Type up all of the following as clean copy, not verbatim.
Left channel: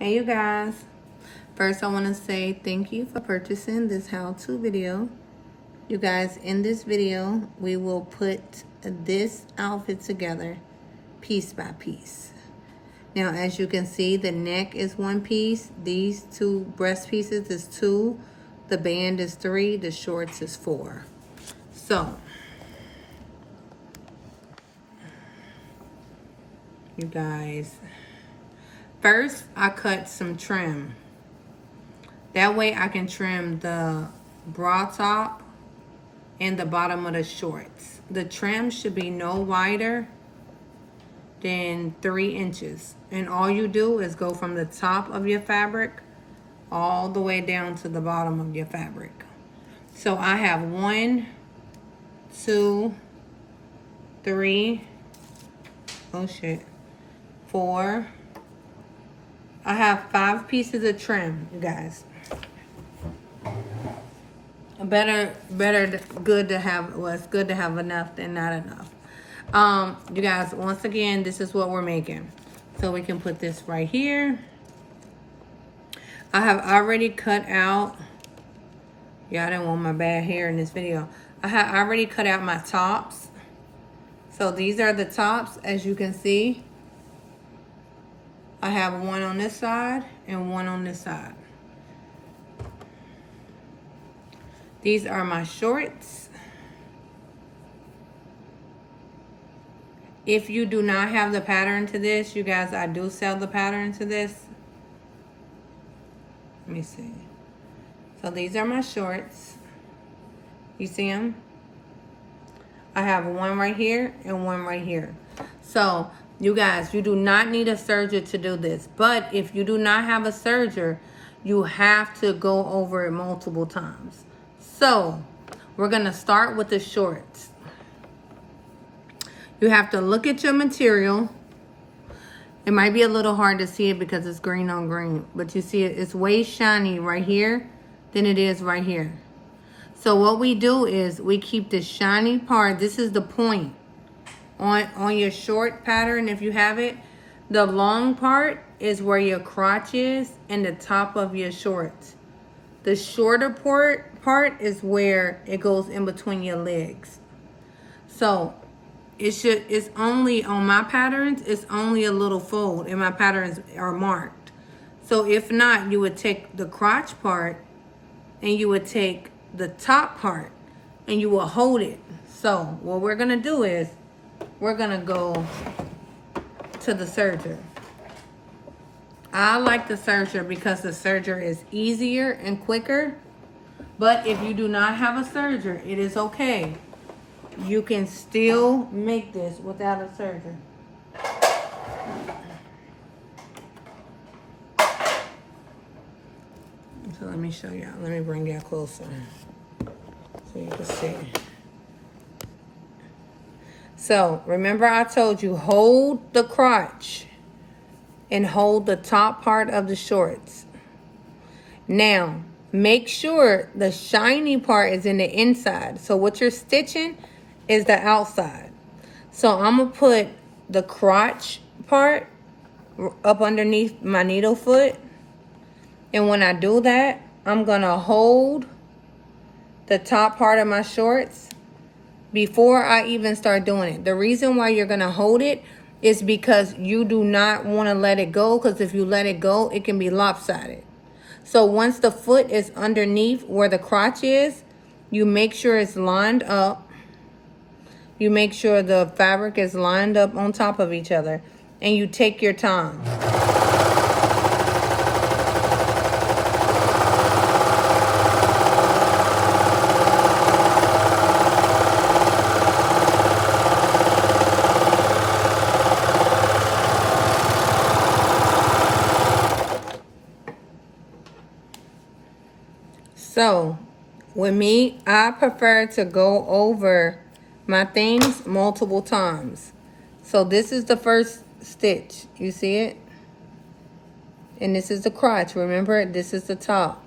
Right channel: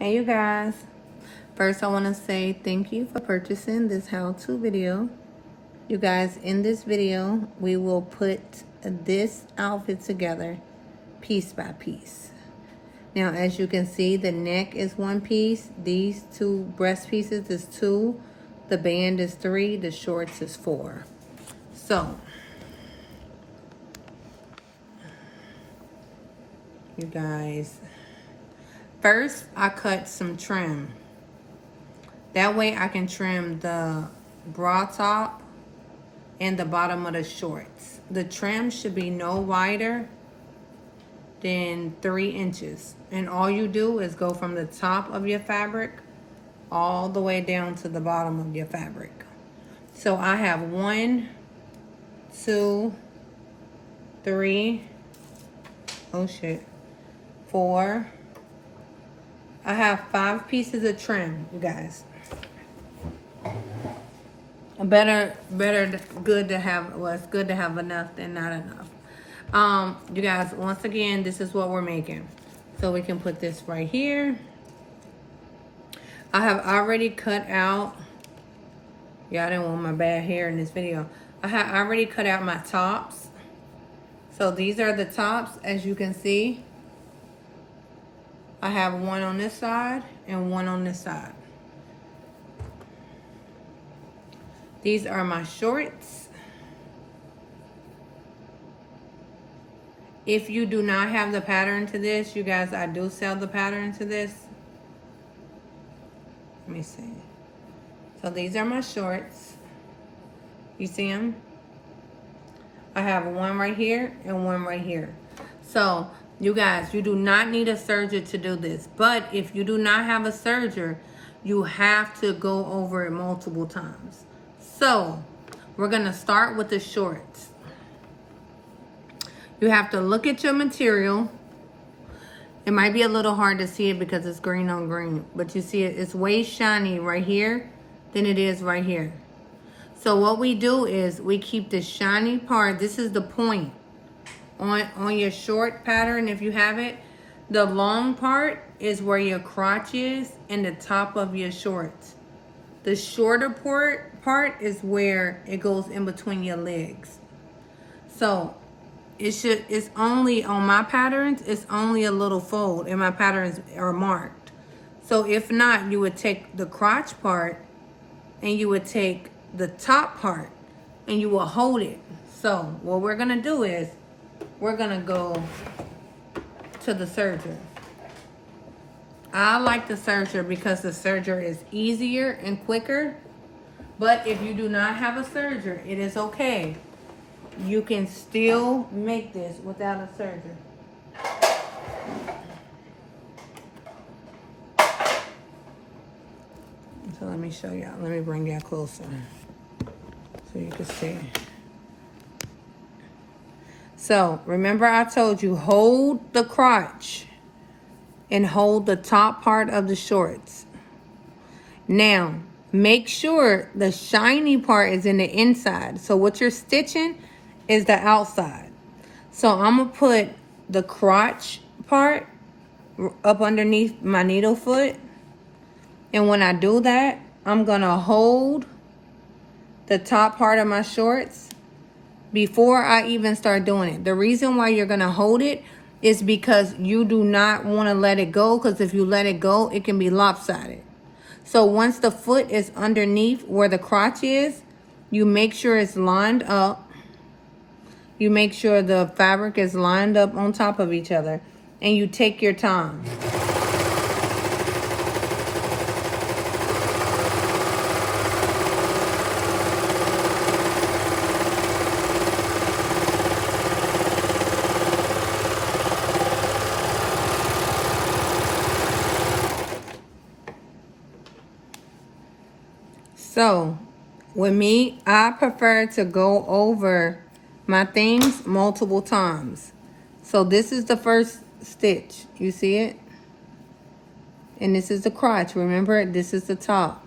Hey you guys, first I want to say thank you for purchasing this how-to video. You guys, in this video we will put this outfit together piece by piece. Now as you can see, the neck is one piece, these two breast pieces is two, the band is three, the shorts is four. So you guys, first I cut some trim. That way I can trim the bra top and the bottom of the shorts. The trim should be no wider than 3 inches. And all you do is go from the top of your fabric all the way down to the bottom of your fabric. So I have 1, 2, 3, oh shit, 4. I have 5 pieces of trim, you guys. Good to have, well, it's good to have enough than not enough. You guys, once again, this is what we're making. So we can put this right here. I have already cut out, yeah, I didn't want my bad hair in this video. I have already cut out my tops. So these are the tops, as you can see. I have one on this side and one on this side. These are my shorts. If you do not have the pattern to this, you guys, I do sell the pattern to this. Let me see. So these are my shorts. You see them? I have one right here and one right here. So you guys, you do not need a serger to do this. But if you do not have a serger, you have to go over it multiple times. So we're gonna start with the shorts. You have to look at your material. It might be a little hard to see it because it's green on green, but you see it, it's way shiny right here than it is right here. So what we do is we keep the shiny part, this is the point on your short pattern if you have it. The long part is where your crotch is and the top of your shorts. The shorter part is where it goes in between your legs. So it's only on my patterns, it's only a little fold, and my patterns are marked. So if not, you would take the crotch part and you would take the top part and you will hold it. So what we're gonna do is we're gonna go to the serger. I like the serger because the serger is easier and quicker. But if you do not have a serger, it is okay. You can still make this without a serger. So let me show y'all. Let me bring y'all closer so you can see. So remember I told you, hold the crotch and hold the top part of the shorts. Now, make sure the shiny part is in the inside. So what you're stitching is the outside. So I'm gonna put the crotch part up underneath my needle foot. And when I do that, I'm gonna hold the top part of my shorts before I even start doing it. The reason why you're gonna hold it is because you do not wanna let it go, because if you let it go, it can be lopsided. So once the foot is underneath where the crotch is, you make sure it's lined up. You make sure the fabric is lined up on top of each other, and you take your time. So with me, I prefer to go over my things multiple times. So this is the first stitch. You see it? And this is the crotch. Remember, this is the top.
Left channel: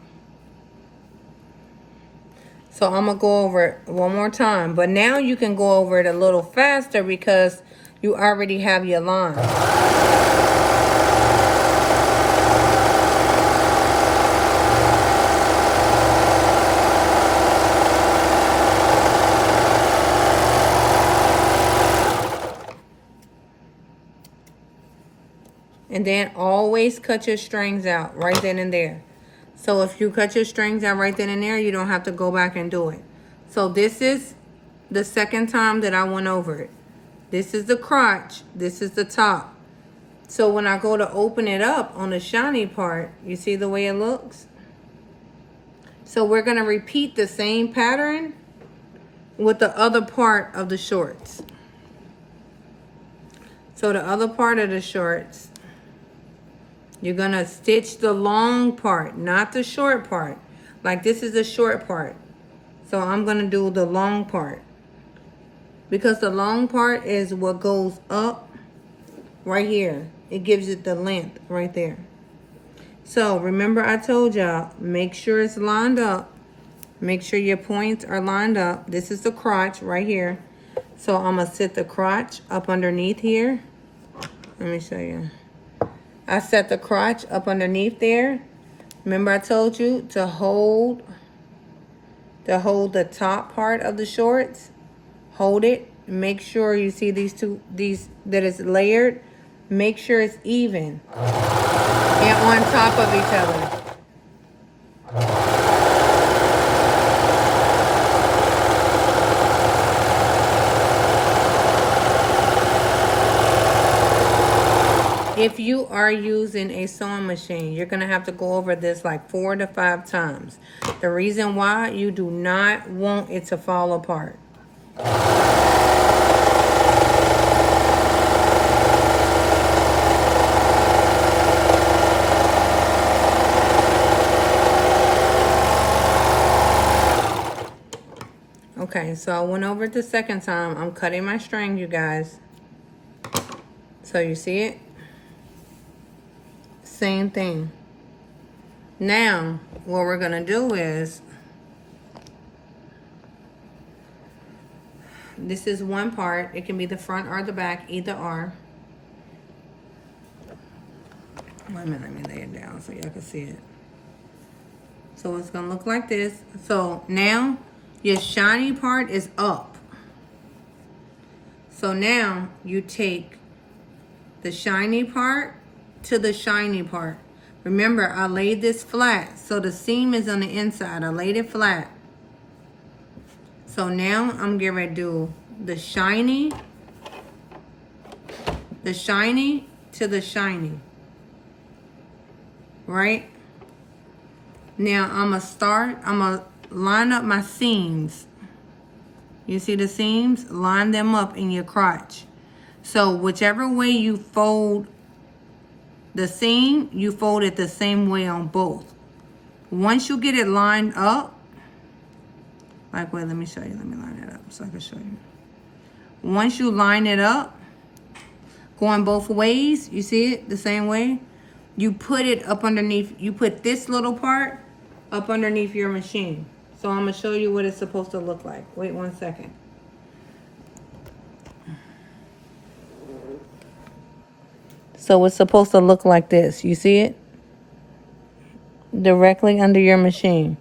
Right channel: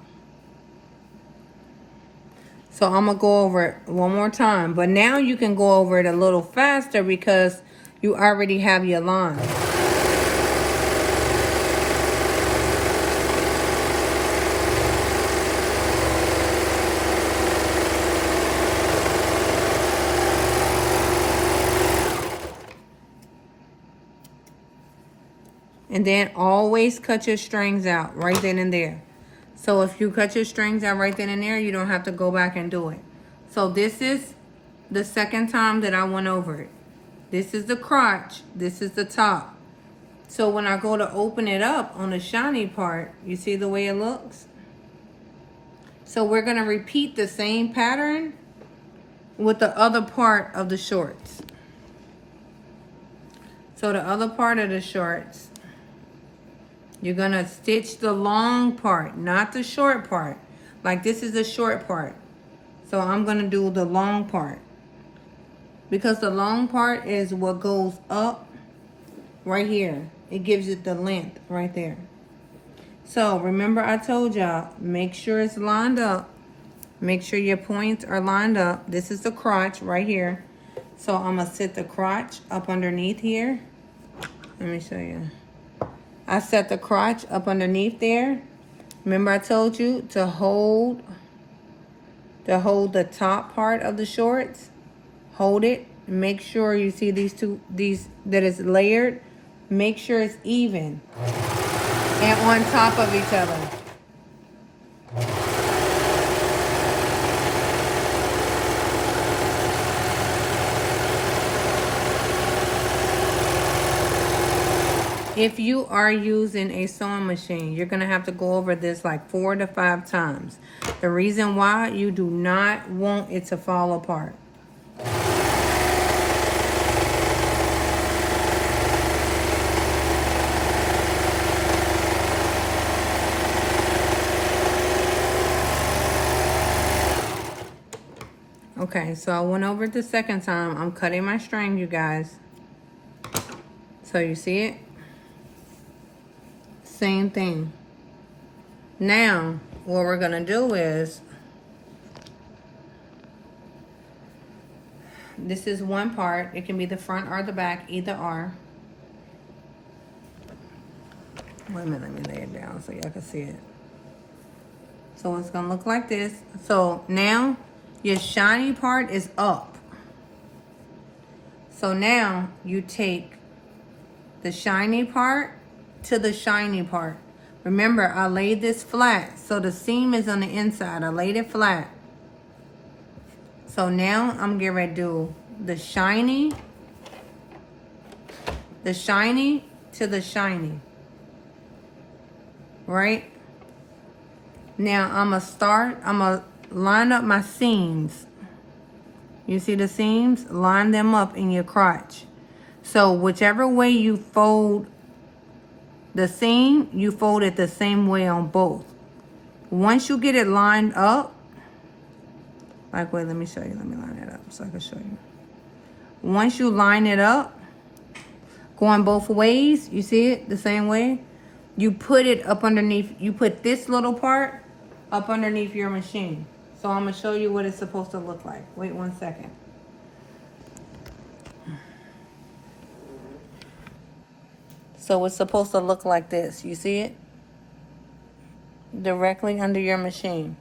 So I'm gonna go over it one more time. But now you can go over it a little faster because you already have your line. And then always cut your strings out right then and there. So if you cut your strings out right then and there, you don't have to go back and do it. So this is the second time that I went over it. This is the crotch. This is the top. So when I go to open it up on the shiny part, you see the way it looks? So we're going to repeat the same pattern with the other part of the shorts. So the other part of the shorts, you're going to stitch the long part, not the short part. Like this is the short part. So I'm going to do the long part. Because the long part is what goes up right here. It gives it the length right there. So remember I told y'all, make sure it's lined up. Make sure your points are lined up. This is the crotch right here. So I'm going to set the crotch up underneath here. Let me show you. I set the crotch up underneath there. Remember I told you to hold the top part of the shorts. Hold it. Make sure you see that it's layered. Make sure it's even and on top of each other. If you are using a sewing machine, you're going to have to go over this like 4 to 5 times. The reason why, you do not want it to fall apart. Okay, so I went over it the second time. I'm cutting my string, you guys. So you see it? Same thing. Now, what we're gonna do is, this is one part. It can be the front or the back, either or. Wait a minute, let me lay it down so y'all can see it. So it's gonna look like this. So now, your shiny part is up. So now, you take the shiny part to the shiny part. Remember, I laid this flat, so the seam is on the inside. I laid it flat. So now I'm getting ready to do the shiny to the shiny. Right? Now I'm gonna line up my seams. You see the seams? Line them up in your crotch. So whichever way you fold the seam, you fold it the same way on both. Once you get it lined up, like, wait, let me show you. Let me line it up so I can show you. Once you line it up, going both ways, you see it the same way? You put it up underneath, you put this little part up underneath your machine. So I'm going to show you what it's supposed to look like. Wait 1 second. So it's supposed to look like this. You see it? Directly under your machine.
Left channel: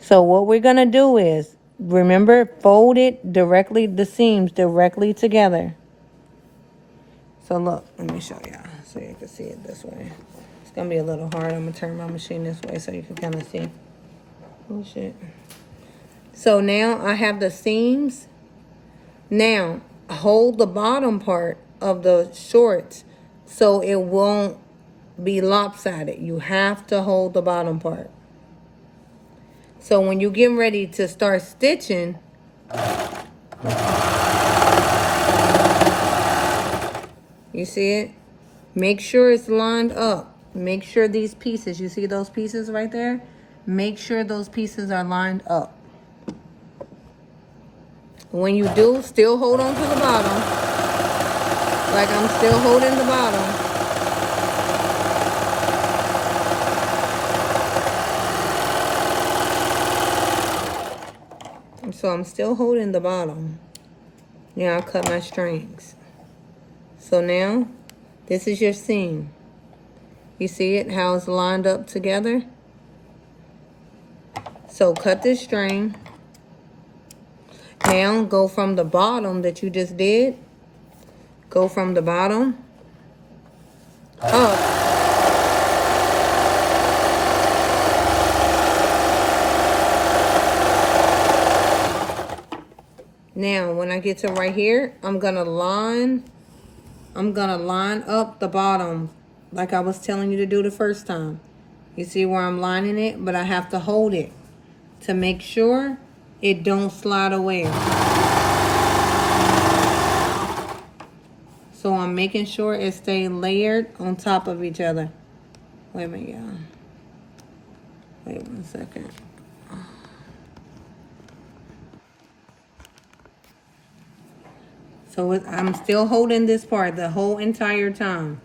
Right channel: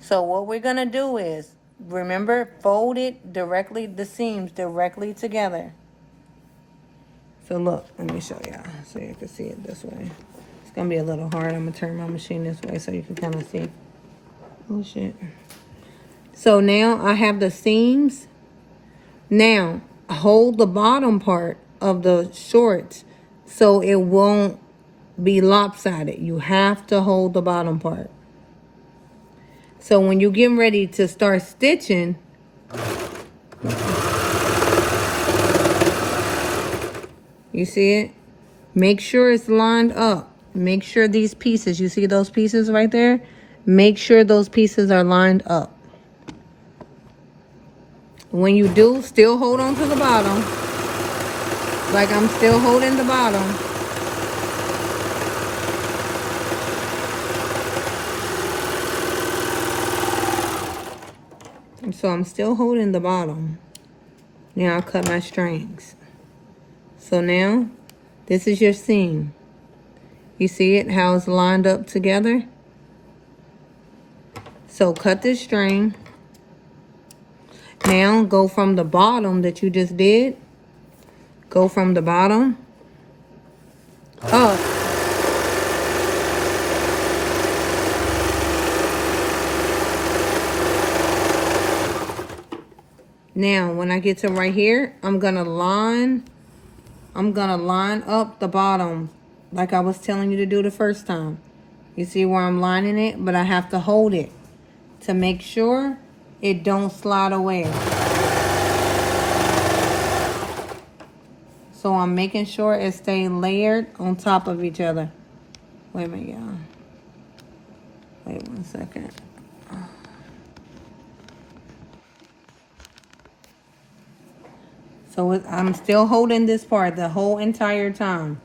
So what we're going to do is, remember, fold it directly, the seams directly together. So look, let me show y'all so you can see it this way. It's going to be a little hard. I'm going to turn my machine this way so you can kind of see. Oh, shit. So now I have the seams. Now, hold the bottom part of the shorts so it won't be lopsided. You have to hold the bottom part. So when you're getting ready to start stitching, you see it? Make sure it's lined up. Make sure these pieces, you see those pieces right there? Make sure those pieces are lined up. When you do, still hold on to the bottom. Like I'm still holding the bottom. So I'm still holding the bottom. Now I'll cut my strings. So now, this is your seam. You see it, how it's lined up together? So cut this string. Now go from the bottom that you just did. Go from the bottom Oh. Now, when I get to right here, I'm gonna line up the bottom like I was telling you to do the first time. You see where I'm lining it, but I have to hold it to make sure it don't slide away. So I'm making sure it stays layered on top of each other. Wait a minute, y'all. Wait 1 second. So I'm still holding this part the whole entire time.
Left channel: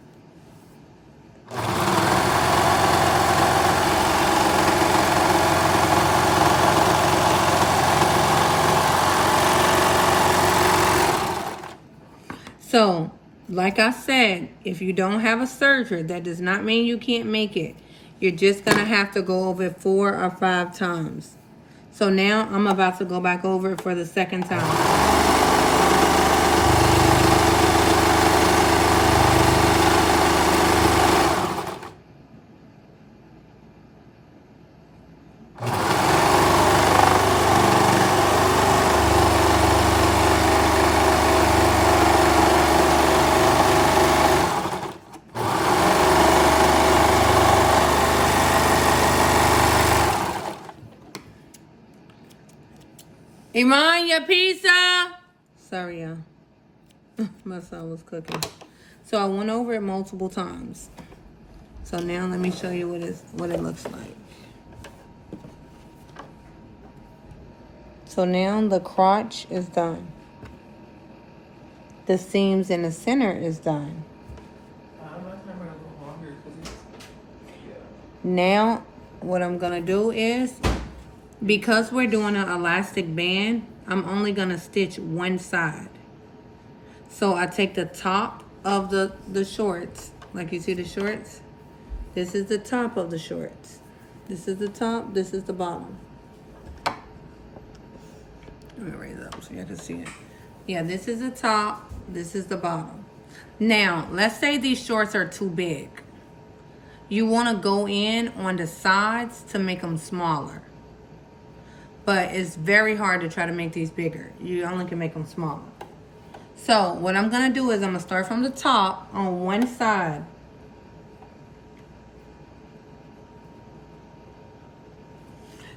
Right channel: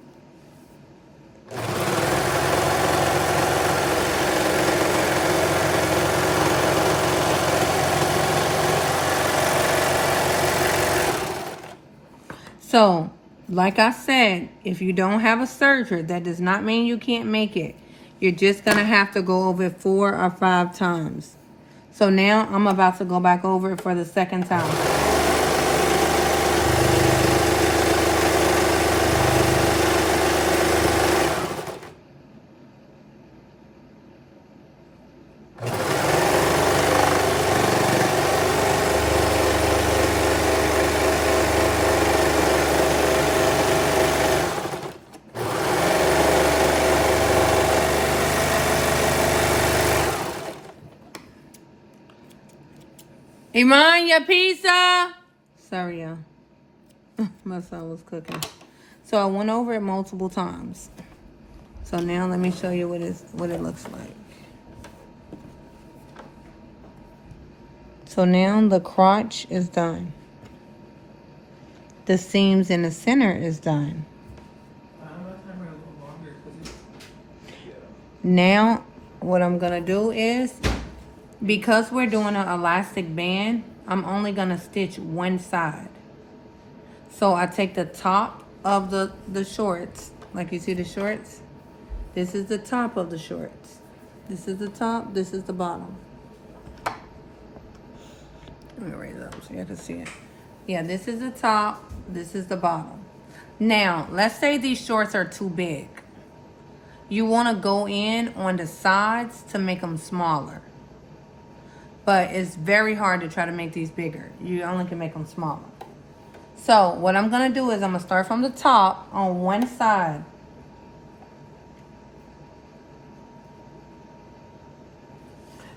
So, like I said, if you don't have a serger, that does not mean you can't make it. You're just going to have to go over it 4 or 5 times. So now I'm about to go back over it for the second time. Iman, your pizza. Sorry, y'all. My son was cooking. So I went over it multiple times. So now let me show you what it looks like. So now the crotch is done. The seams in the center is done. Now what I'm gonna do is, because we're doing an elastic band, I'm only gonna stitch one side. So I take the top of the shorts, like you see the shorts. This is the top of the shorts. This is the top, this is the bottom. Let me raise it up so you can see it. Yeah, this is the top, this is the bottom. Now, let's say these shorts are too big. You wanna go in on the sides to make them smaller. But it's very hard to try to make these bigger. You only can make them smaller. So what I'm gonna do is I'm gonna start from the top on one side.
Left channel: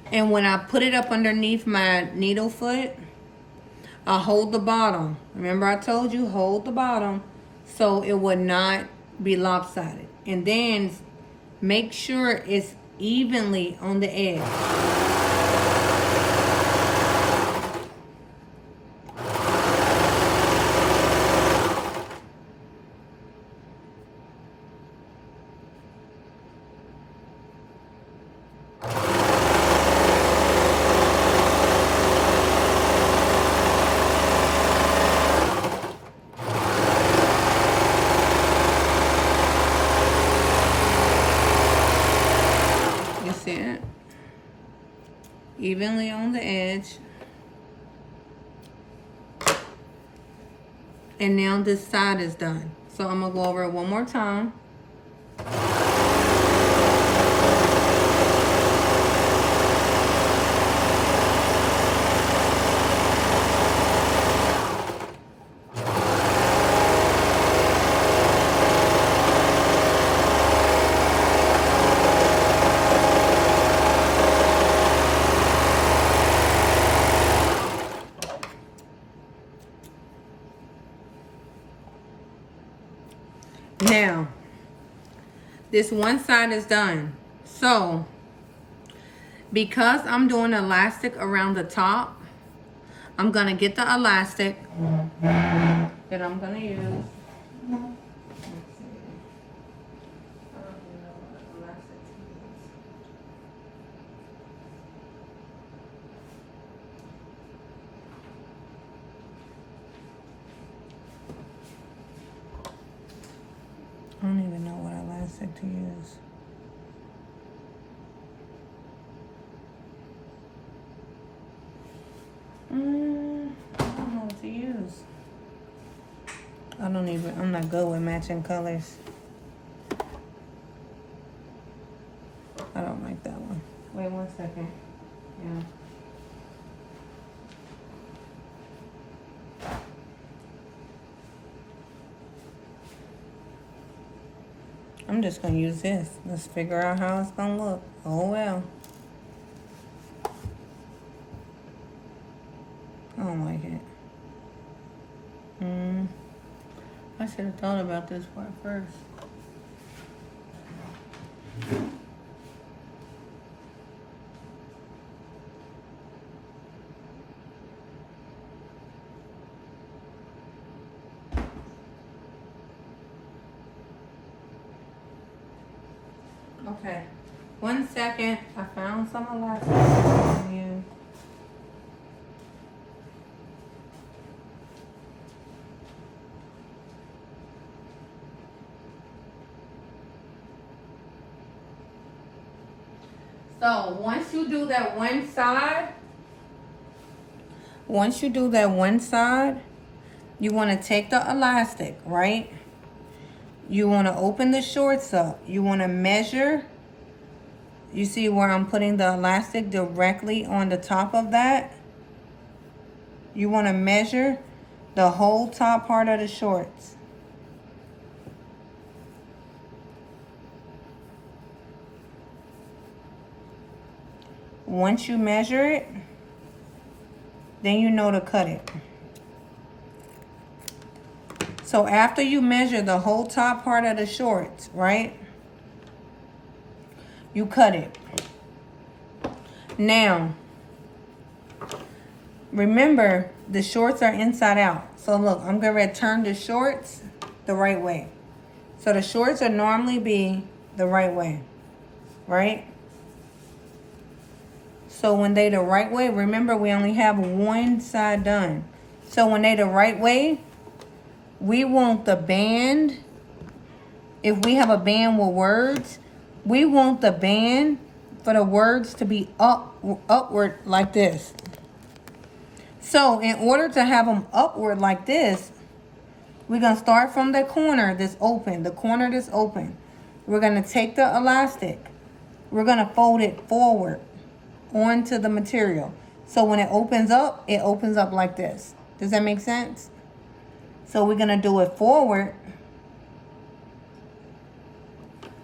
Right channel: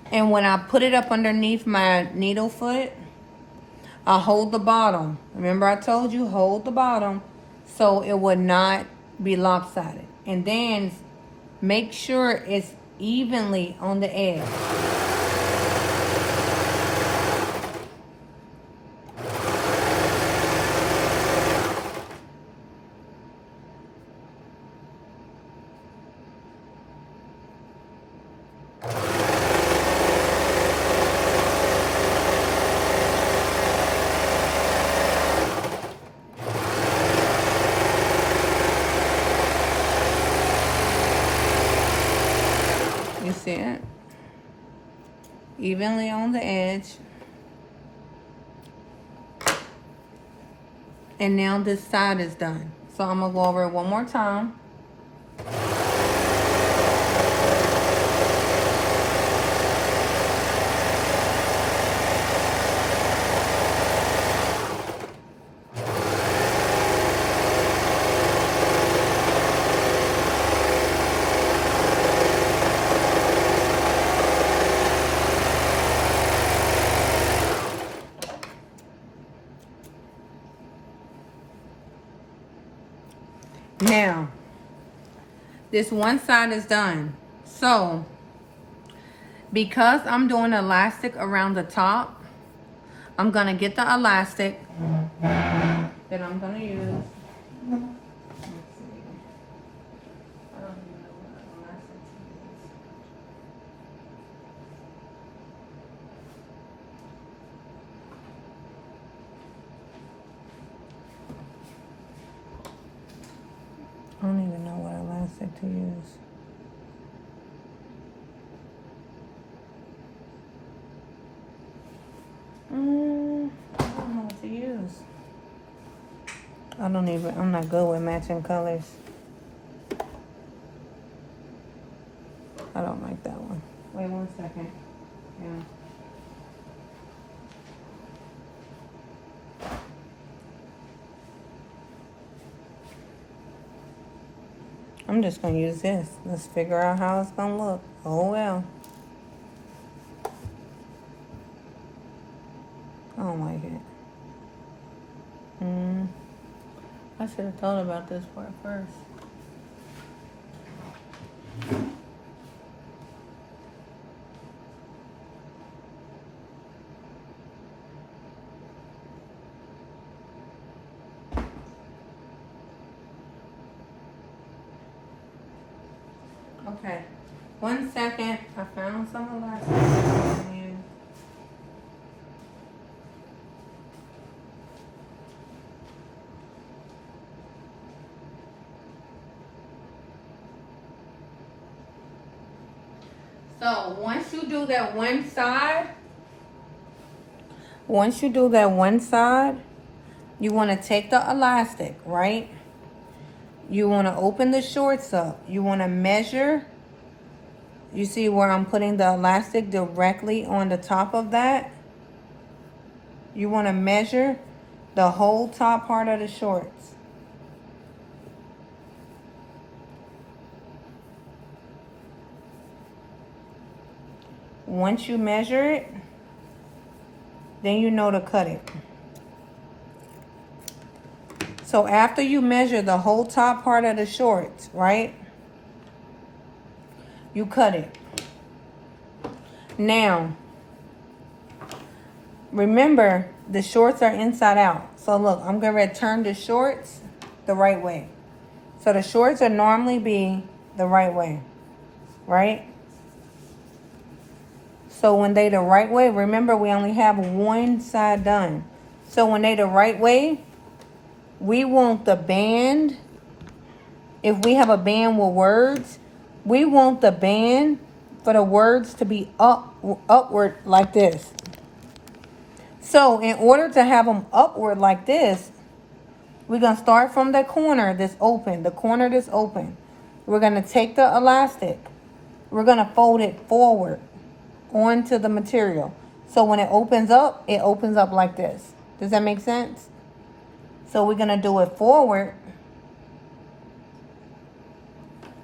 And when I put it up underneath my needle foot, I'll hold the bottom. Remember I told you, hold the bottom so it would not be lopsided. And then make sure it's evenly on the edge. It evenly on the edge. And now this side is done. So I'm gonna go over it one more time. Now, this one side is done. So, because I'm doing elastic around the top, I'm gonna get the elastic that I'm gonna use. I don't even know what elastic to use. I don't know what to use. I'm not good with matching colors. I don't like that one. Wait 1 second. Yeah. I'm just gonna use this. Let's figure out how it's gonna look. Oh well. I don't like it. I should have thought about this part first. Okay. 1 second. I found some elastic on you. So once you do that one side, you want to take the elastic, right? You want to open the shorts up. You want to measure. You see where I'm putting the elastic directly on the top of that? You want to measure the whole top part of the shorts. Once you measure it, then you know to cut it. So after you measure the whole top part of the shorts, right? You cut it. Now, remember, the shorts are inside out. So look, I'm going to turn the shorts the right way. So the shorts will normally be the right way, right? So when they the right way, remember we only have one side done. So when they the right way, we want the band. If we have a band with words, we want the band for the words to be upward like this. So in order to have them upward like this, we're going to start from the corner that's open, We're going to take the elastic. We're going to fold it forward onto the material. So when it opens up like this. Does that make sense? So we're going to do it forward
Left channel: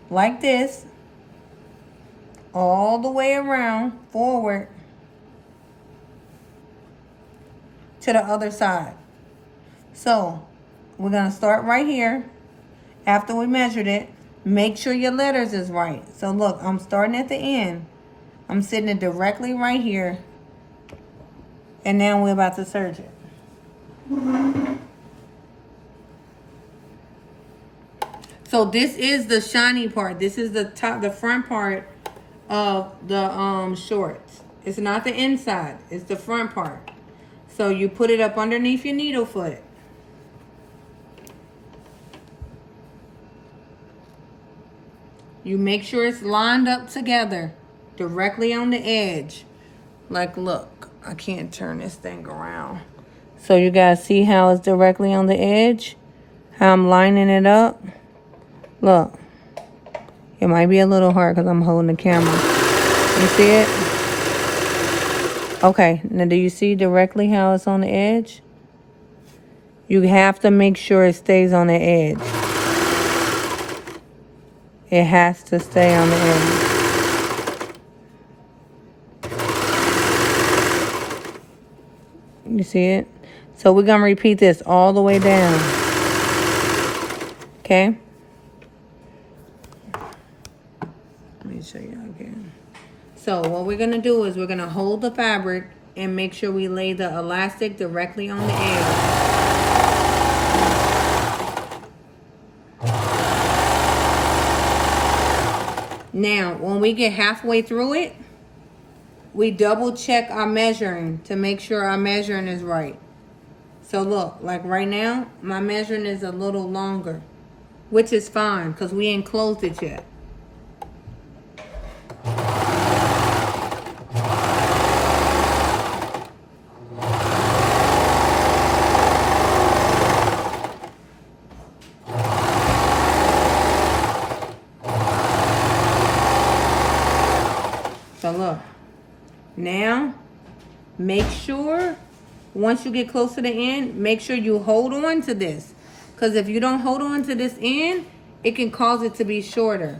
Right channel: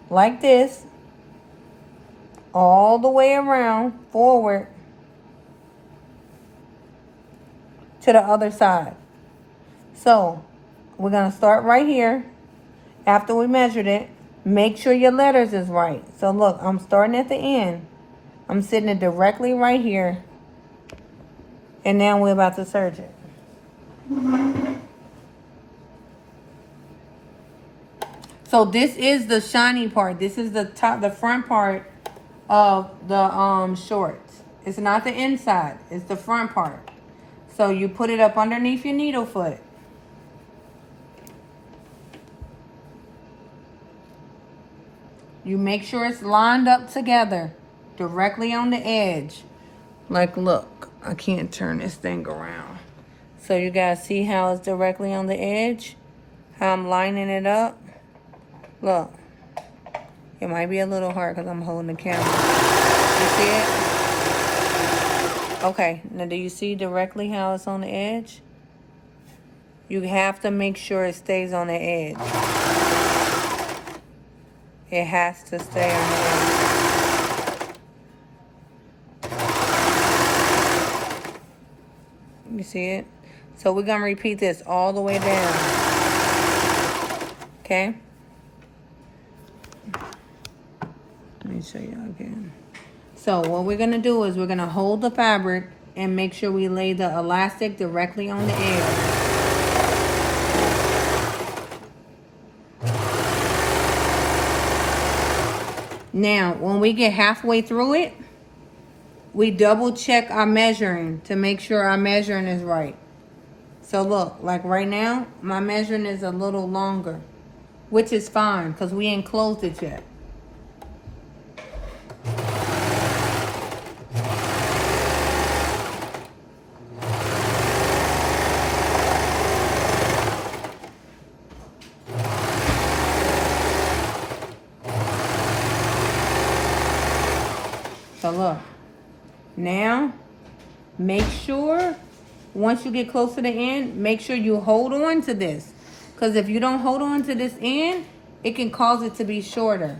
like this, all the way around, forward to the other side. So we're going to start right here. After we measured it, make sure your letters is right. So look, I'm starting at the end. I'm sitting it directly right here. And now we're about to serge it. So this is the shiny part. This is the front part of the shorts. It's not the inside, it's the front part. So you put it up underneath your needle foot. You make sure it's lined up together, directly on the edge. Like, look, I can't turn this thing around. So you guys see how it's directly on the edge? How I'm lining it up? Look. It might be a little hard because I'm holding the camera. You see it? Okay, now do you see directly how it's on the edge? You have to make sure it stays on the edge. It has to stay on the edge. You see it? So we're going to repeat this all the way down. Okay? Let me show you again. So what we're going to do is we're going to hold the fabric and make sure we lay the elastic directly on the edge. Now, when we get halfway through it, we double check our measuring to make sure our measuring is right. So look, like right now, my measuring is a little longer, which is fine because we ain't closed it yet. look. Now, make sure, once you get close to the end, make sure you hold on to this. Because if you don't hold on to this end, it can cause it to be shorter.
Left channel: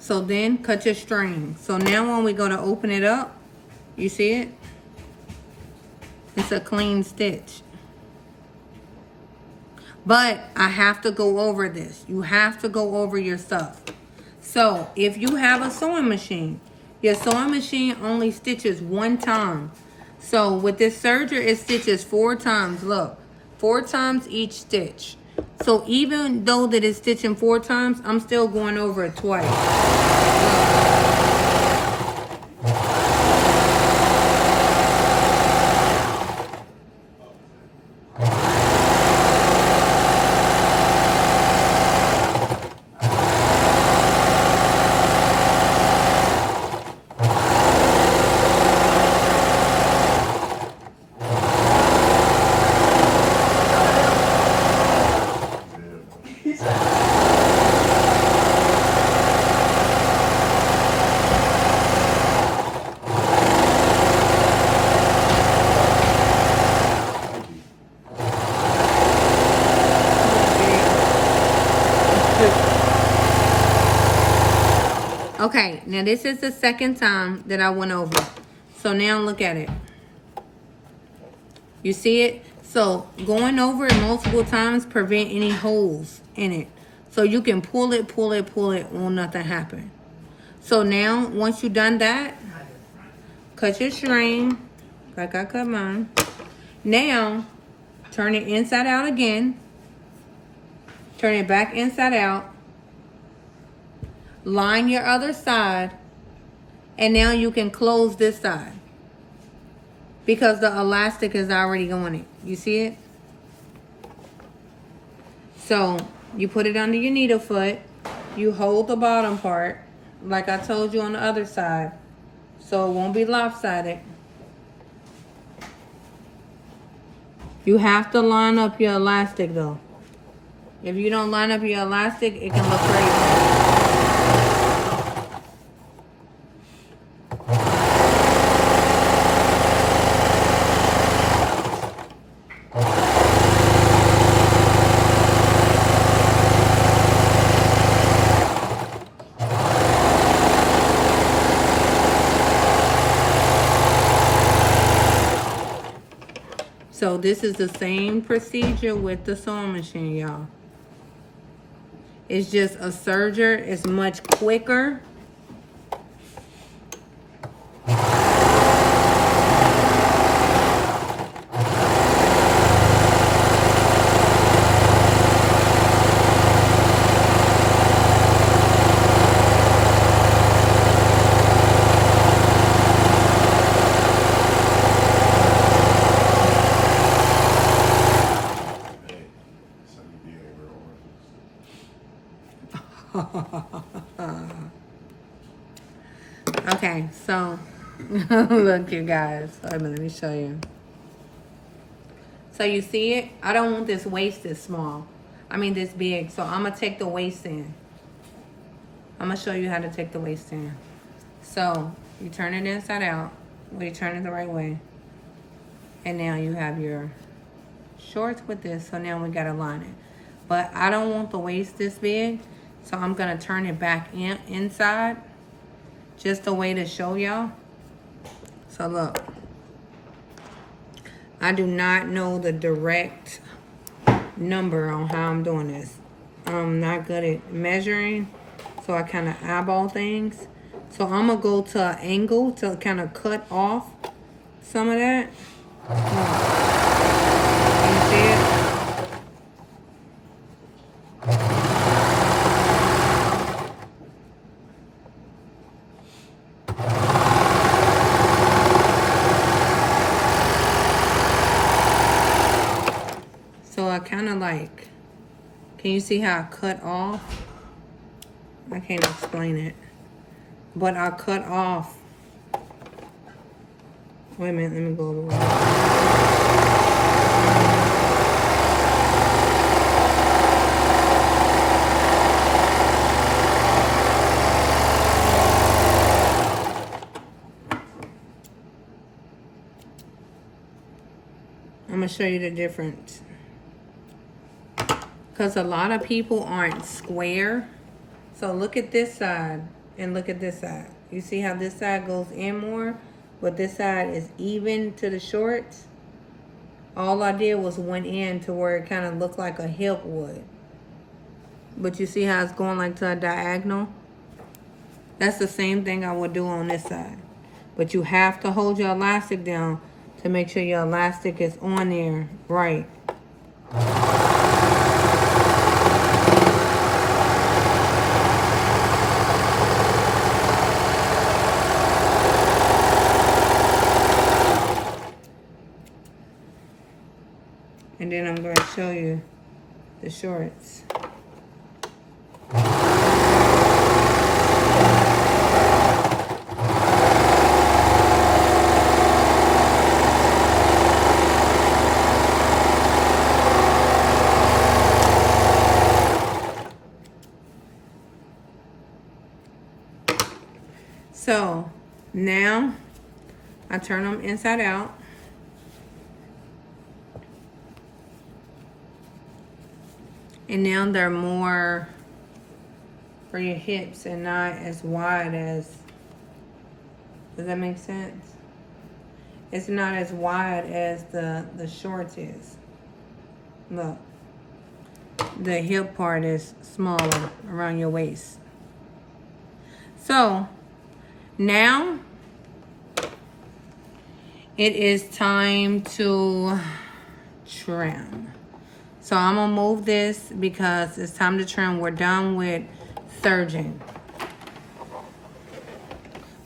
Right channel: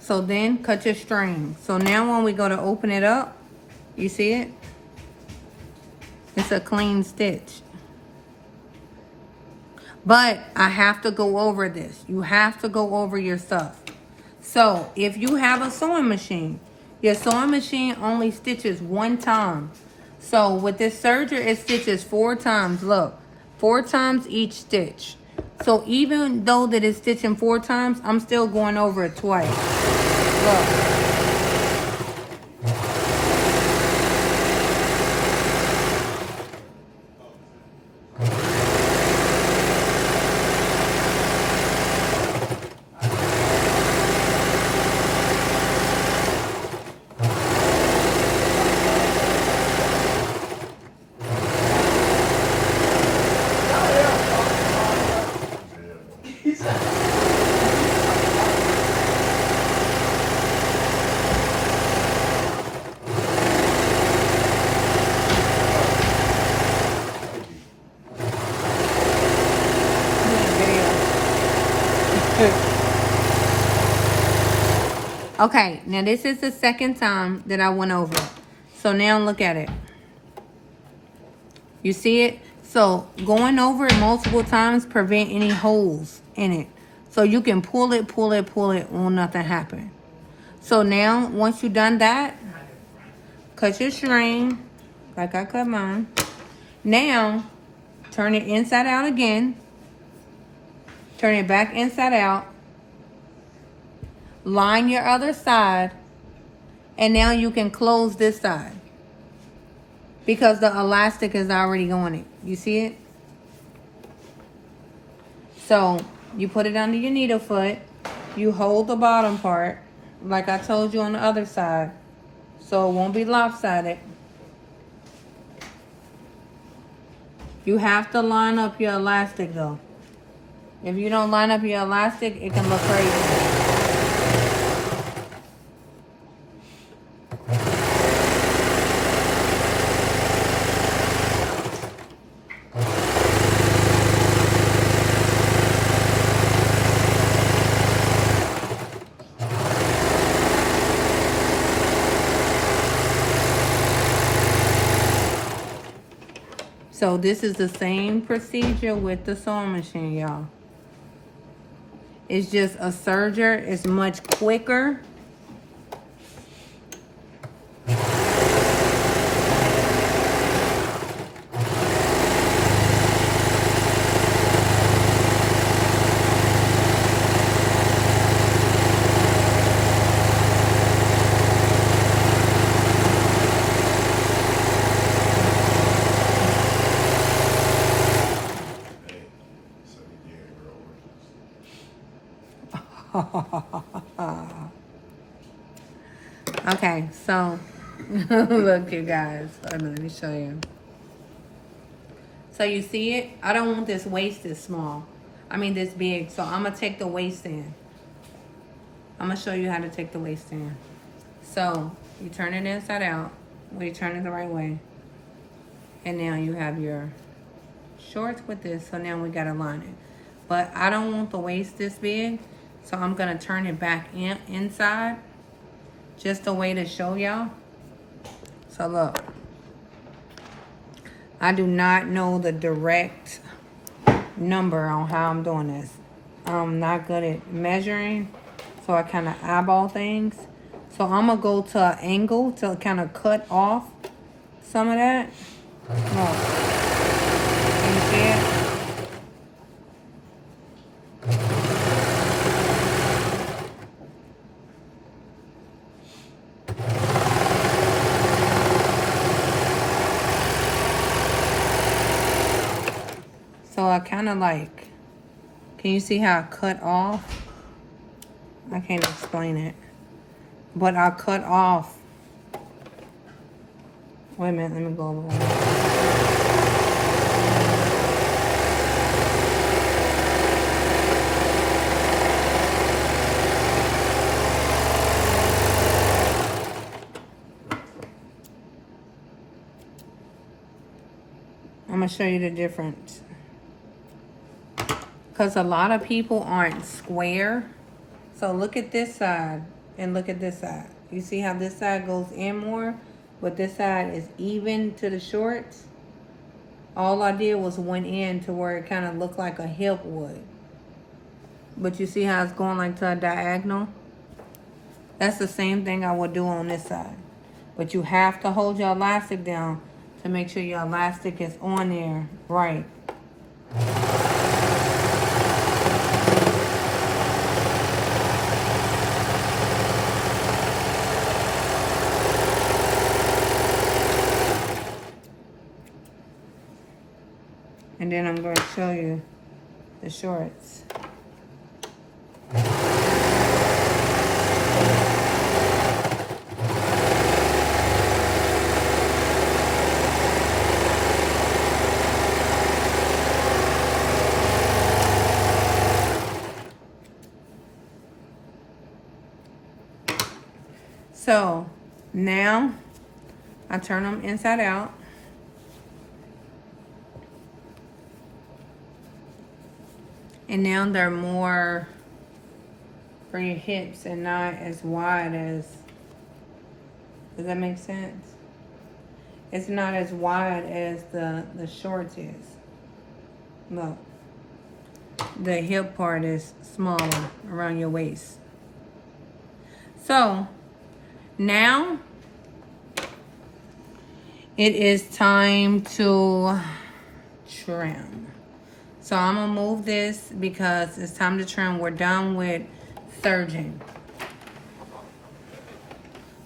So then cut your string. So now when we go to open it up, you see it? It's a clean stitch. But I have to go over this. You have to go over your stuff. So if you have a sewing machine, your sewing machine only stitches one time. So with this serger, it stitches 4 times. Look, 4 times each stitch. So even though that it's stitching 4 times, I'm still going over it twice. Look. Okay, now this is the second time that I went over it. So now look at it. You see it? So going over it multiple times prevent any holes in it. So you can pull it, will nothing happen. So now, once you've done that, cut your string, like I cut mine. Now, turn it inside out again. Turn it back inside out. Line your other side. And now you can close this side. Because the elastic is already on it. You see it? So, you put it under your needle foot. You hold the bottom part, like I told you on the other side. So it won't be lopsided. You have to line up your elastic though. If you don't line up your elastic, it can look crazy. So this is the same procedure with the sewing machine, y'all. It's just a serger. It's much quicker. Okay, so look, you guys. Let me show you. So you see it? I don't want this waist this small. I mean this big. So I'm gonna take the waist in. I'm gonna show you how to take the waist in. So you turn it inside out. Well, you turn it the right way. And now you have your shorts with this. So now we gotta line it. But I don't want the waist this big. So I'm gonna turn it back inside. Just a way to show y'all. So look. I do not know the direct number on how I'm doing this. I'm not good at measuring. So I kind of eyeball things. So I'm gonna go to an angle to kind of cut off some of that. Look. You see it? So I kind of like, can you see how I cut off? I can't explain it. But I cut off. Wait a minute, let me go over it. I'm going to show you the difference. Because a lot of people aren't square. So look at this side and look at this side. You see how this side goes in more, but this side is even to the shorts? All I did was went in to where it kind of looked like a hip would. But you see how it's going like to a diagonal? That's the same thing I would do on this side. But you have to hold your elastic down to make sure your elastic is on there right. And then I'm going to show you the shorts. So now I turn them inside out. And now they're more for your hips and not as wide as, does that make sense? It's not as wide as the shorts is. Look, the hip part is smaller around your waist. So now it is time to trim. So I'm gonna move this because it's time to trim. We're done with serging.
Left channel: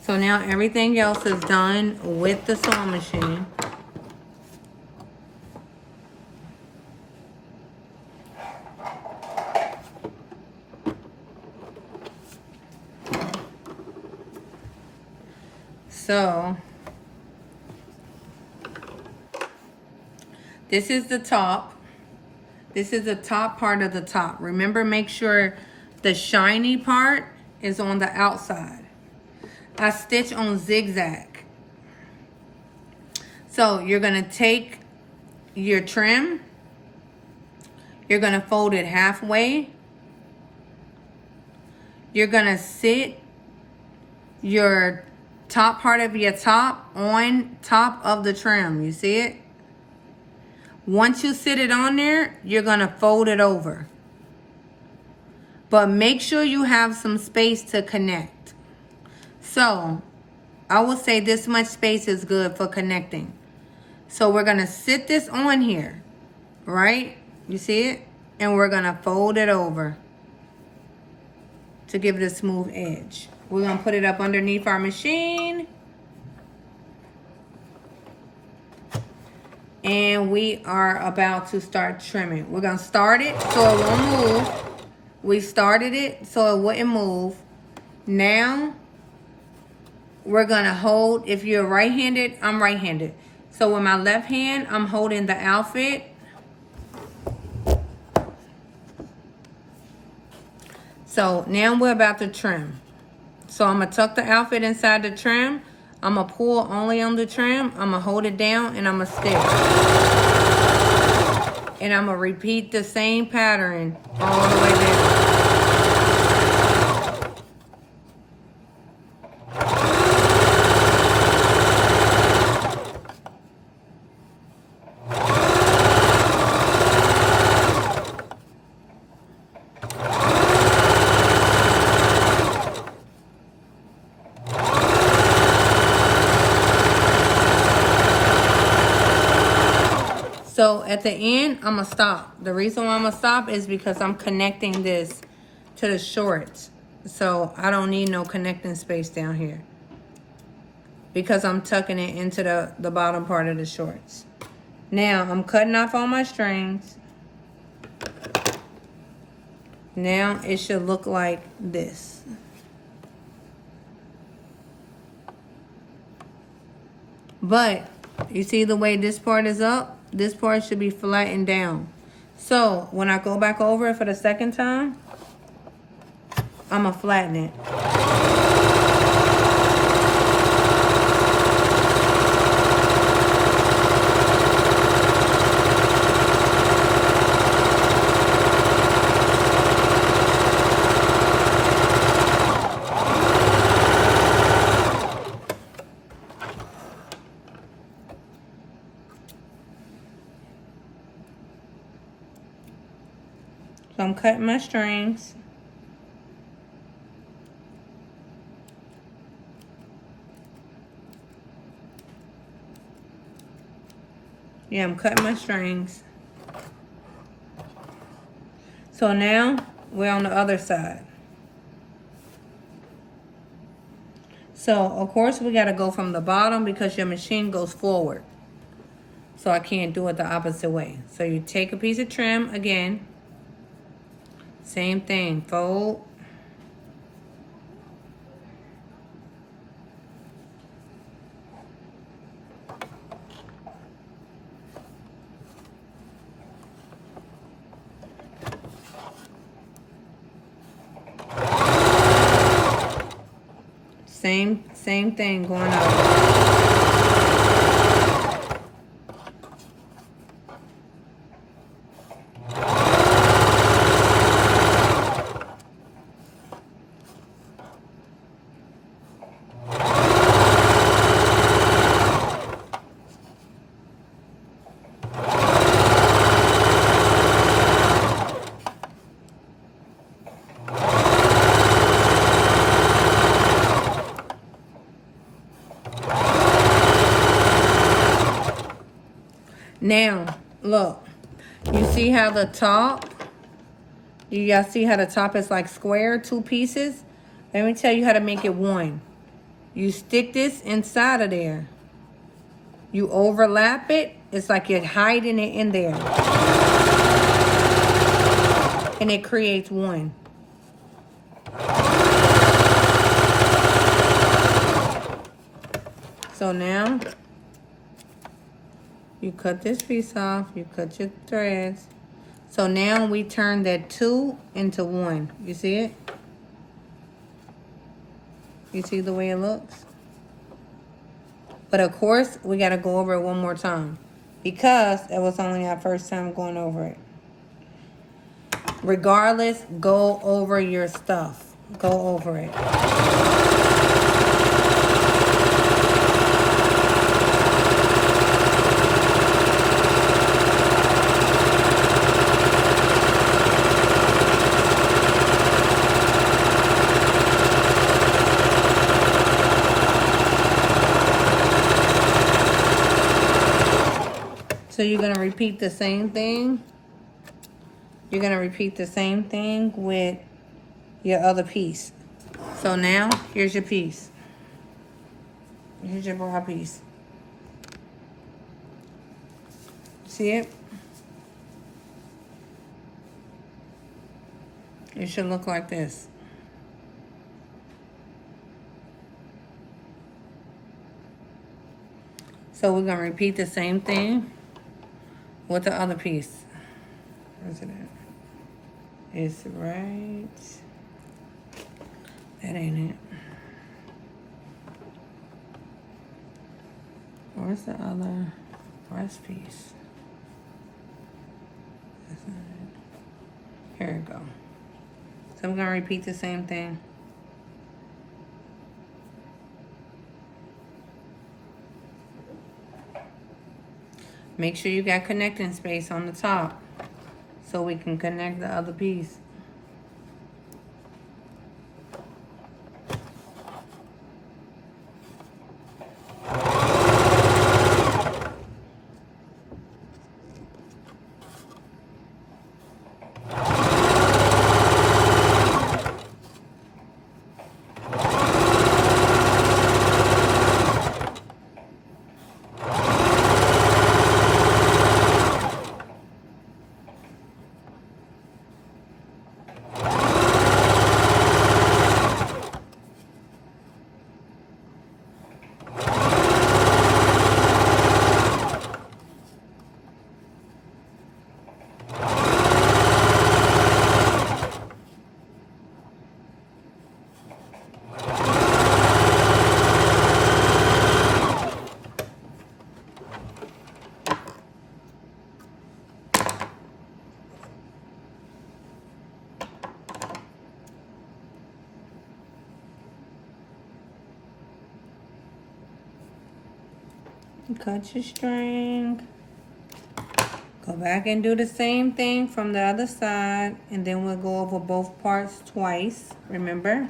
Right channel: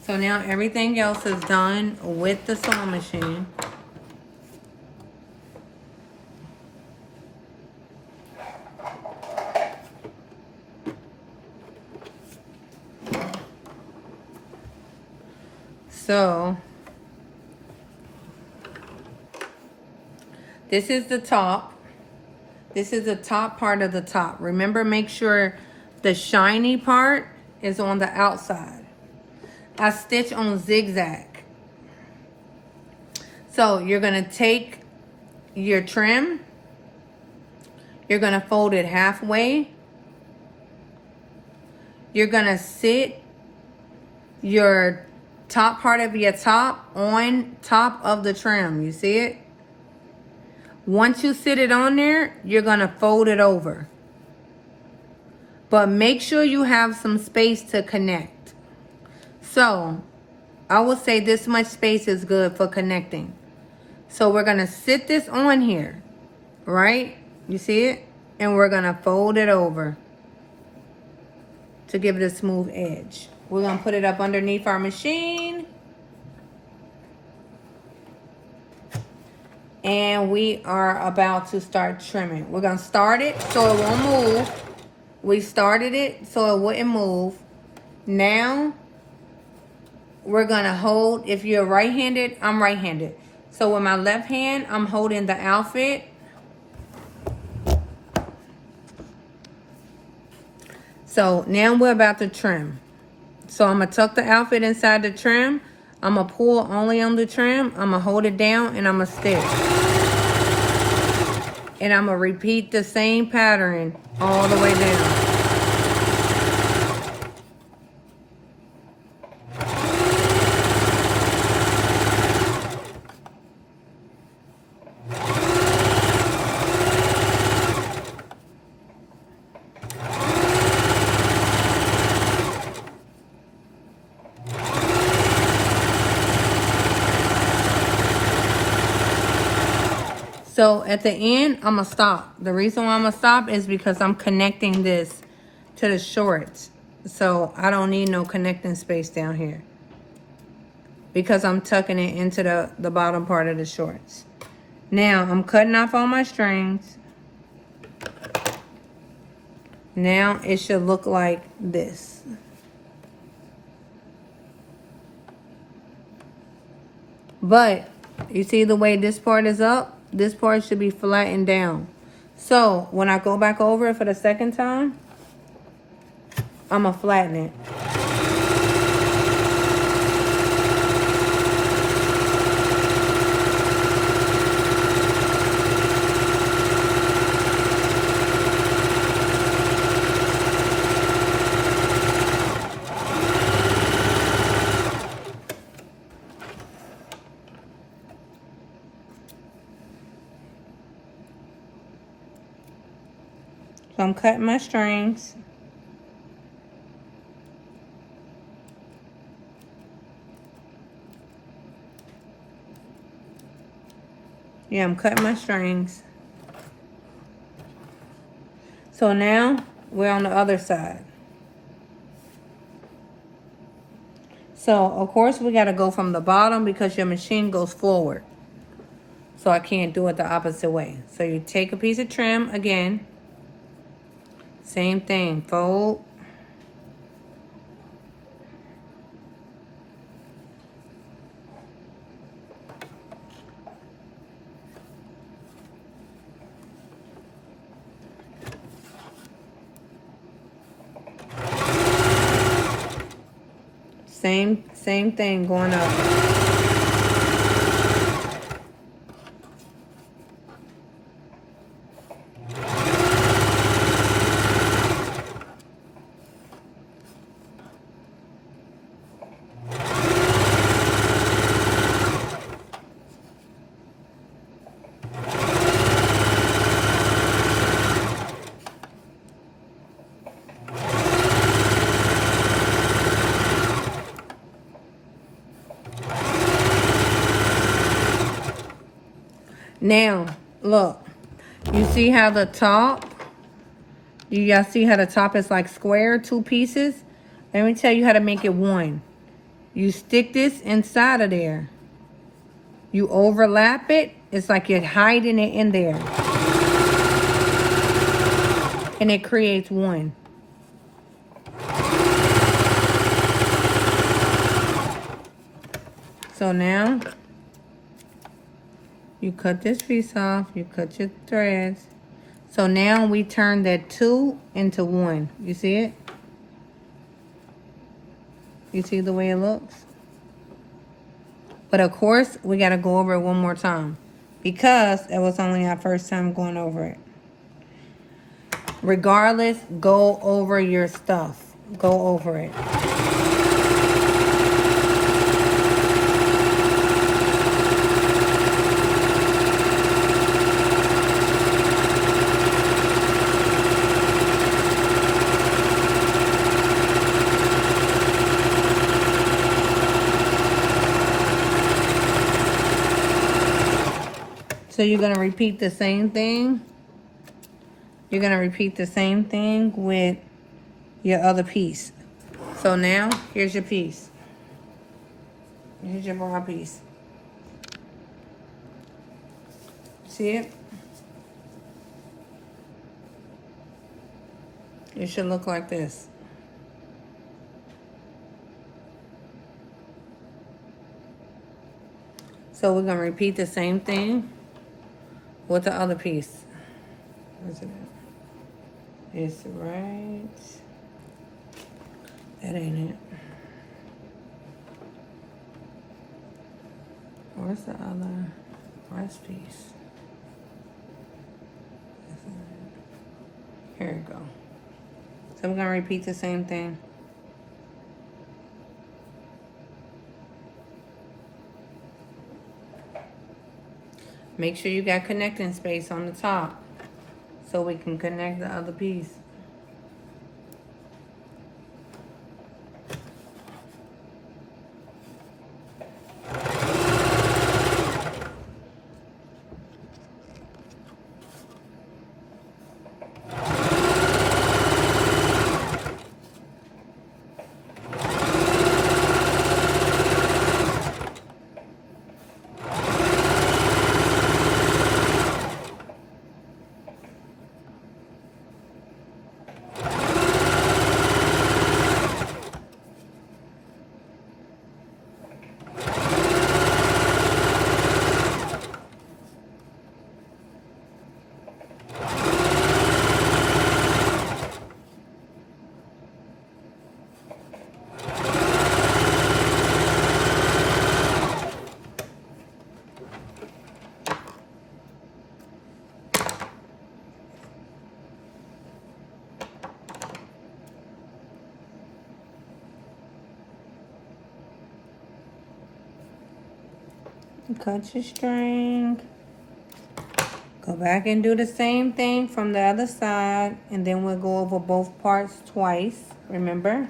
So now everything else is done with the sewing machine. So this is the top. This is the top part of the top. Remember, make sure the shiny part is on the outside. I stitch on zigzag. So you're gonna take your trim, you're gonna fold it halfway. You're gonna sit your top part of your top on top of the trim. You see it? Once you sit it on there, you're gonna fold it over. But make sure you have some space to connect. So I would say this much space is good for connecting. So we're gonna sit this on here, right? You see it? And we're gonna fold it over to give it a smooth edge. We're gonna put it up underneath our machine. And we are about to start trimming. We're gonna start it so it won't move. We started it so it wouldn't move. Now, we're gonna hold, if you're right-handed, I'm right-handed. So with my left hand, I'm holding the outfit. So now we're about to trim. So I'm gonna tuck the outfit inside the trim. I'm gonna pull only on the trim. I'm gonna hold it down and I'm gonna stitch. And I'm gonna repeat the same pattern all the way down. So at the end, I'm gonna stop. The reason why I'm gonna stop is because I'm connecting this to the shorts. So I don't need no connecting space down here, because I'm tucking it into the bottom part of the shorts. Now I'm cutting off all my strings. Now it should look like this. But you see the way this part is up? This part should be flattened down. So when I go back over it for the second time, I'm going to flatten it. So I'm cutting my strings. Yeah, I'm cutting my strings. So now we're on the other side. So of course we got to go from the bottom because your machine goes forward. So I can't do it the opposite way. So you take a piece of trim again. Same thing, fold. Same thing going up. Now, look, you see how the top, you guys see how the top is like square, two pieces? Let me tell you how to make it one. You stick this inside of there. You overlap it. It's like you're hiding it in there. And it creates one. So now, you cut this piece off, you cut your threads. So now we turn that 2 into 1. You see it? You see the way it looks? But of course, we got to go over it one more time because it was only our first time going over it. Regardless, go over your stuff. Go over it. So you're going to repeat the same thing. You're going to repeat the same thing with your other piece. So now, here's your piece. Here's your bra piece. See it? It should look like this. So we're going to repeat the same thing with the other piece. Where's it at? It's right. That ain't it. Where's the other breast piece? That's not it. Here we go. So I'm going to repeat the same thing. Make sure you got connecting space on the top so we can connect the other piece. Cut your string. Go back and do the same thing from the other side, and then we'll go over both parts twice, remember?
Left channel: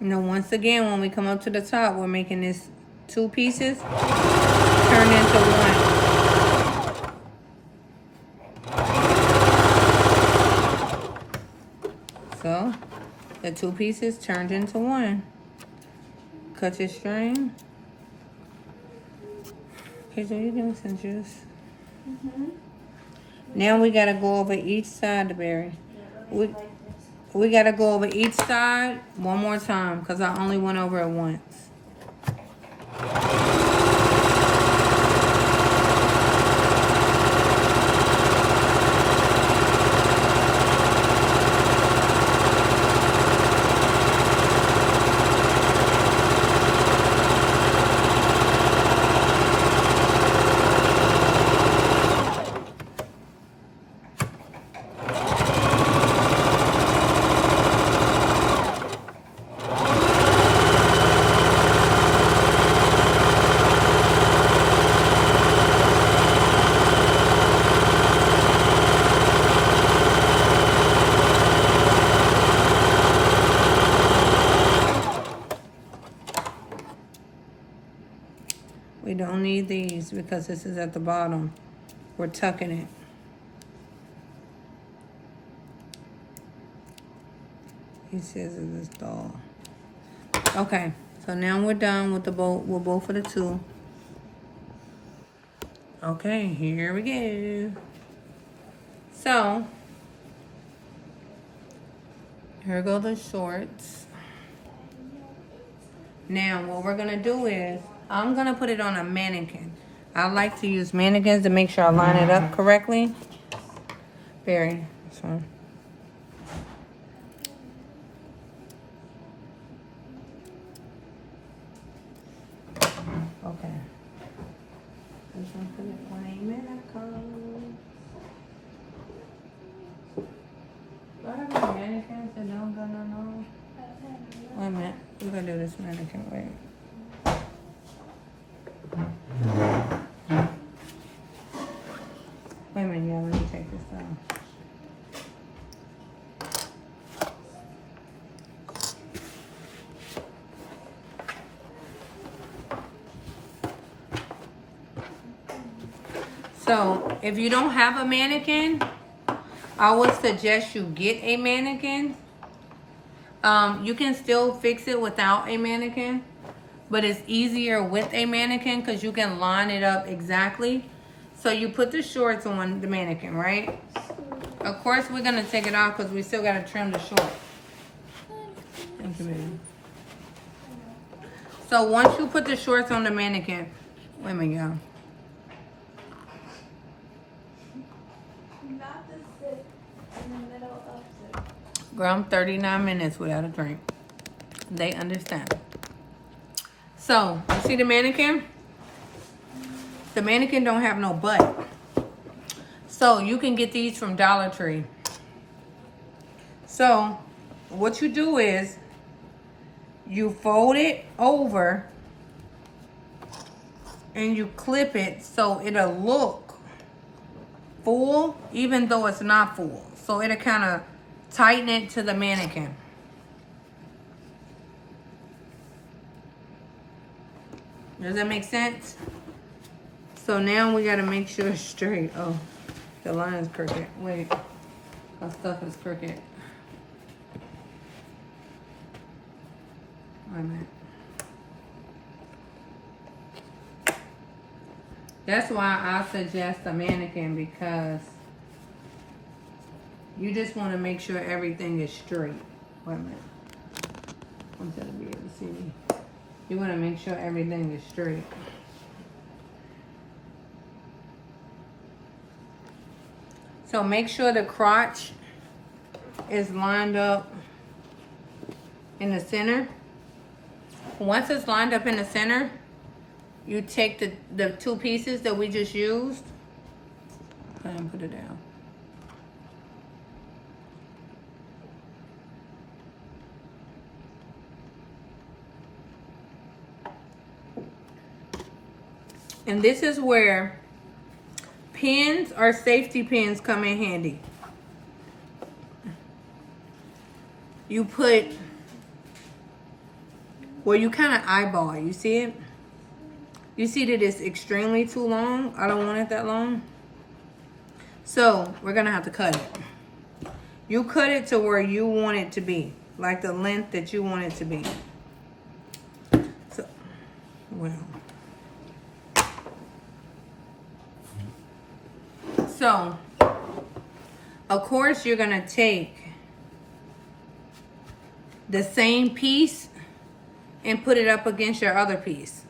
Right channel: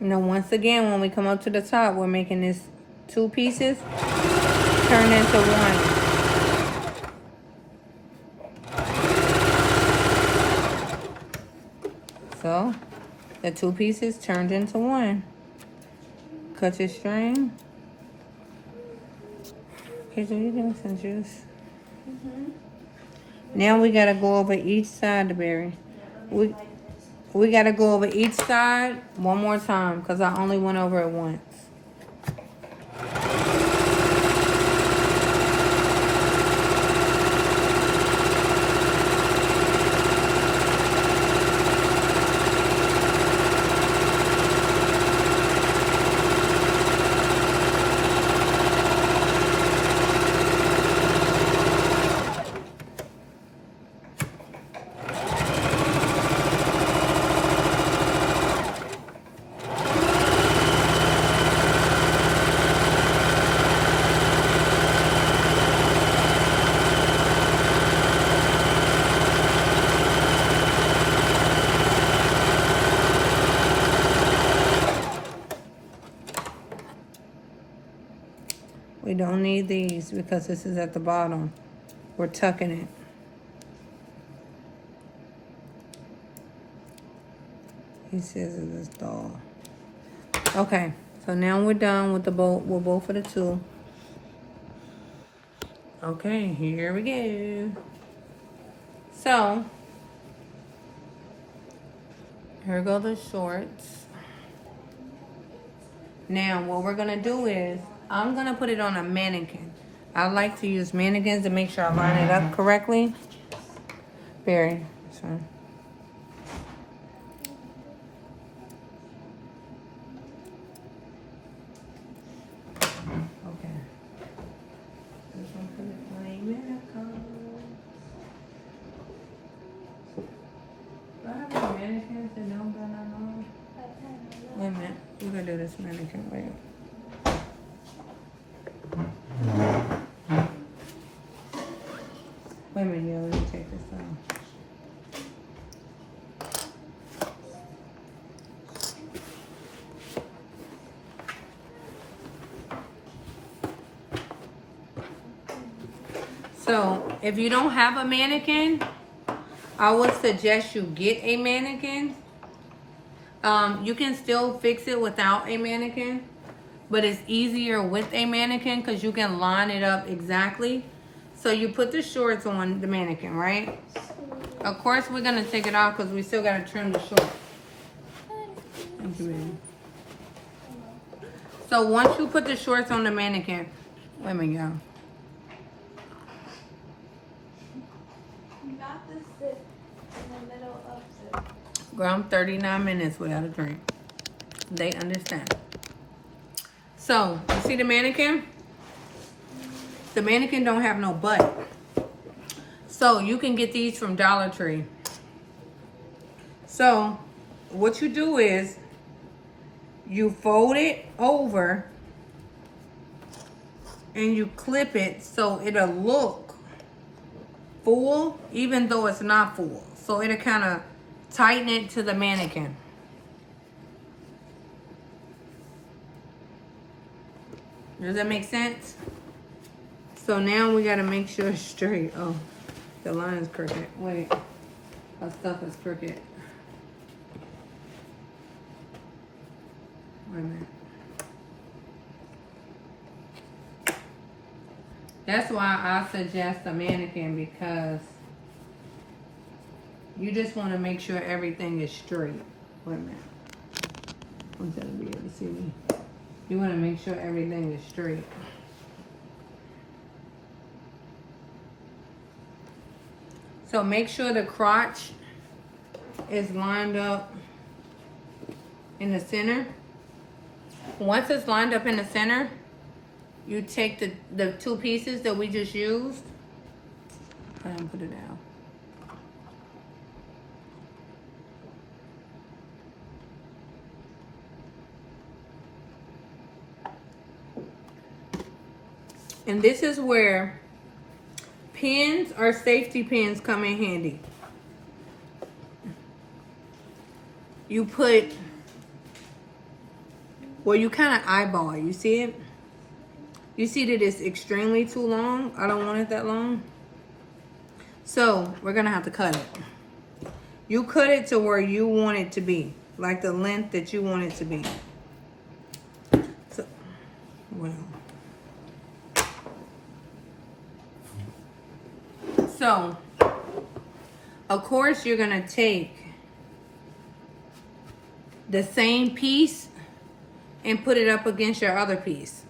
Now once again, when we come up to the top, we're making this 2 pieces turn into 1. So the 2 pieces turned into 1. Cut your string. Okay, so you give me some juice. Now we gotta go over each side, berry. We gotta go over each side one more time because I only went over it once. We don't need these because this is at the bottom. We're tucking it. He says it is dull. Okay, so now we're done with the both. We're both for the 2. Okay, here we go. So here go the shorts. Now what we're gonna do is I'm gonna put it on a mannequin. I like to use mannequins to make sure I line it up correctly. Very. So. Okay. This one for the plain mannequin. Do I have any mannequins that don't got none on? Wait a minute. We're gonna do this mannequin. Wait. Wait a minute, yeah, let me take this out. So, if you don't have a mannequin, I would suggest you get a mannequin. You can still fix it without a mannequin, but it's easier with a mannequin because you can line it up exactly. So you put the shorts on the mannequin, right? Of course, we're gonna take it off because we still gotta trim the shorts. Thank you, baby. So once you put the shorts on the mannequin, wait a minute, y'all. Girl, I'm 39 minutes without a drink. They understand. So, you see the mannequin? The mannequin don't have no butt. So, you can get these from Dollar Tree. So, what you do is, you fold it over and you clip it so it'll look full, even though it's not full. So, it'll kind of tighten it to the mannequin. Does that make sense? So now we gotta make sure it's straight. Oh, the line is crooked. Wait, our stuff is crooked. Wait a minute. That's why I suggest a mannequin, because You just want to make sure everything is straight. Wait a minute. I'm gonna be able to see me. You want to make sure everything is straight. So make sure the crotch is lined up in the center. Once it's lined up in the center, you take the two pieces that we just used and put it down. And this is where pins or safety pins come in handy. You put, well, you kind of eyeball it. You see it? You see that it's extremely too long. I don't want it that long. So we're gonna have to cut it. You cut it to where you want it to be, like the length that you want it to be. So, well. So, of course, you're gonna take the same piece and put it up against your other piece.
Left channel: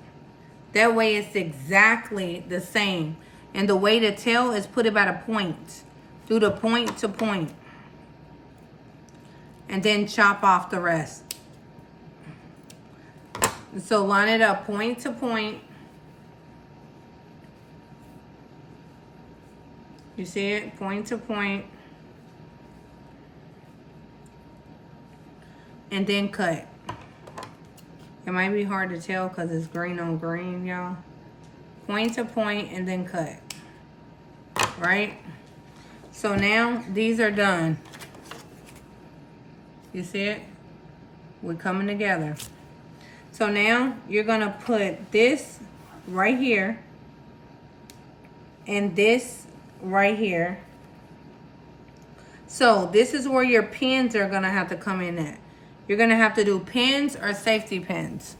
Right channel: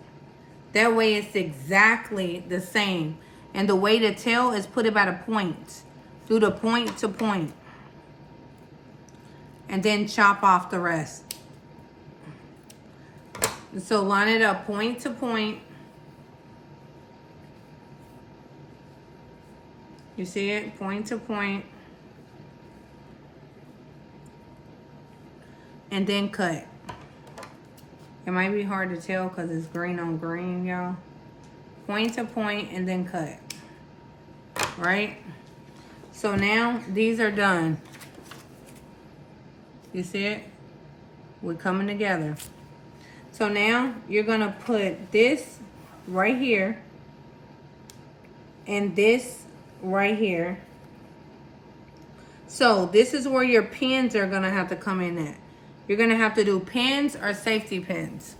That way it's exactly the same. And the way to tell is put it by the point. Do the point to point. And then chop off the rest. And so line it up point to point. You see it? Point to point. And then cut. It might be hard to tell because it's green on green, y'all. Point to point and then cut. Right? So now these are done. You see it? We're coming together. So now you're going to put this right here and this right here. So this is where your pins are going to have to come in at. You're going to have to do pins or safety pins.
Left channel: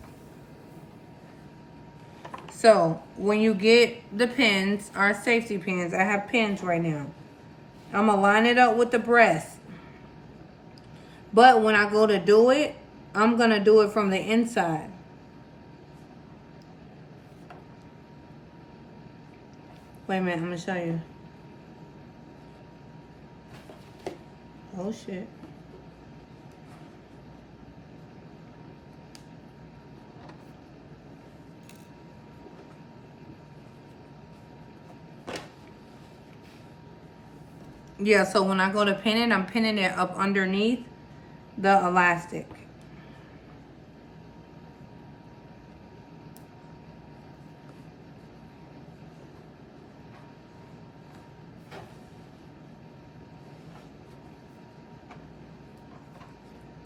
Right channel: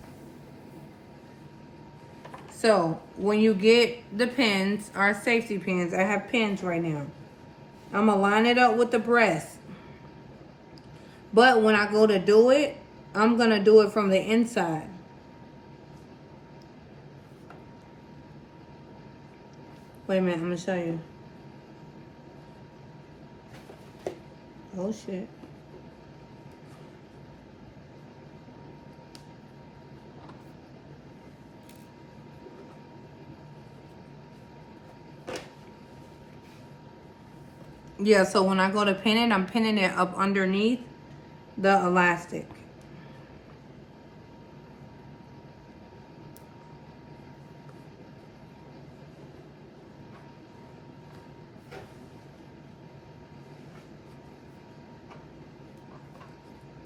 So when you get the pins or safety pins, I have pins right now. I'm going to line it up with the breast. But when I go to do it, I'm going to do it from the inside. Wait a minute, I'm going to show you. Oh shit. Yeah, so when I go to pin it, I'm pinning it up underneath the elastic.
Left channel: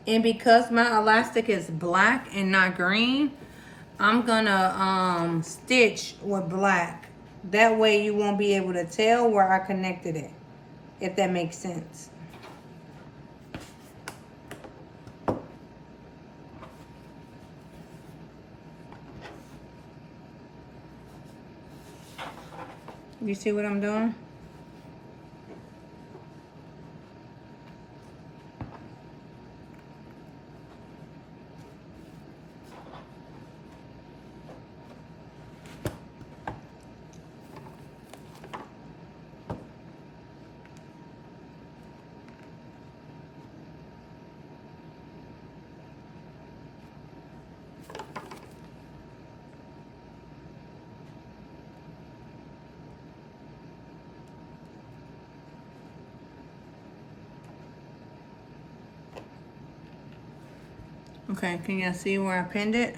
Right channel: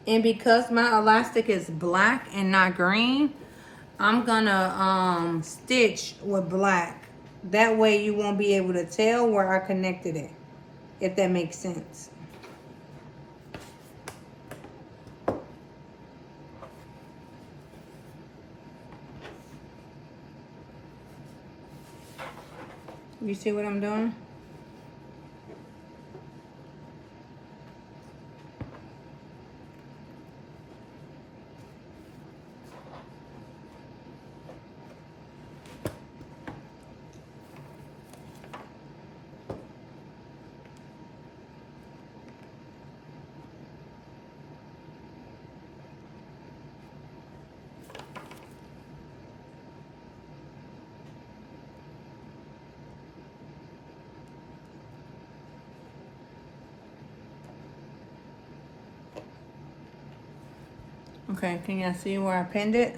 And because my elastic is black and not green, I'm gonna stitch with black. That way you won't be able to tell where I connected it, if that makes sense. You see what I'm doing? Okay, can y'all see where I pinned it?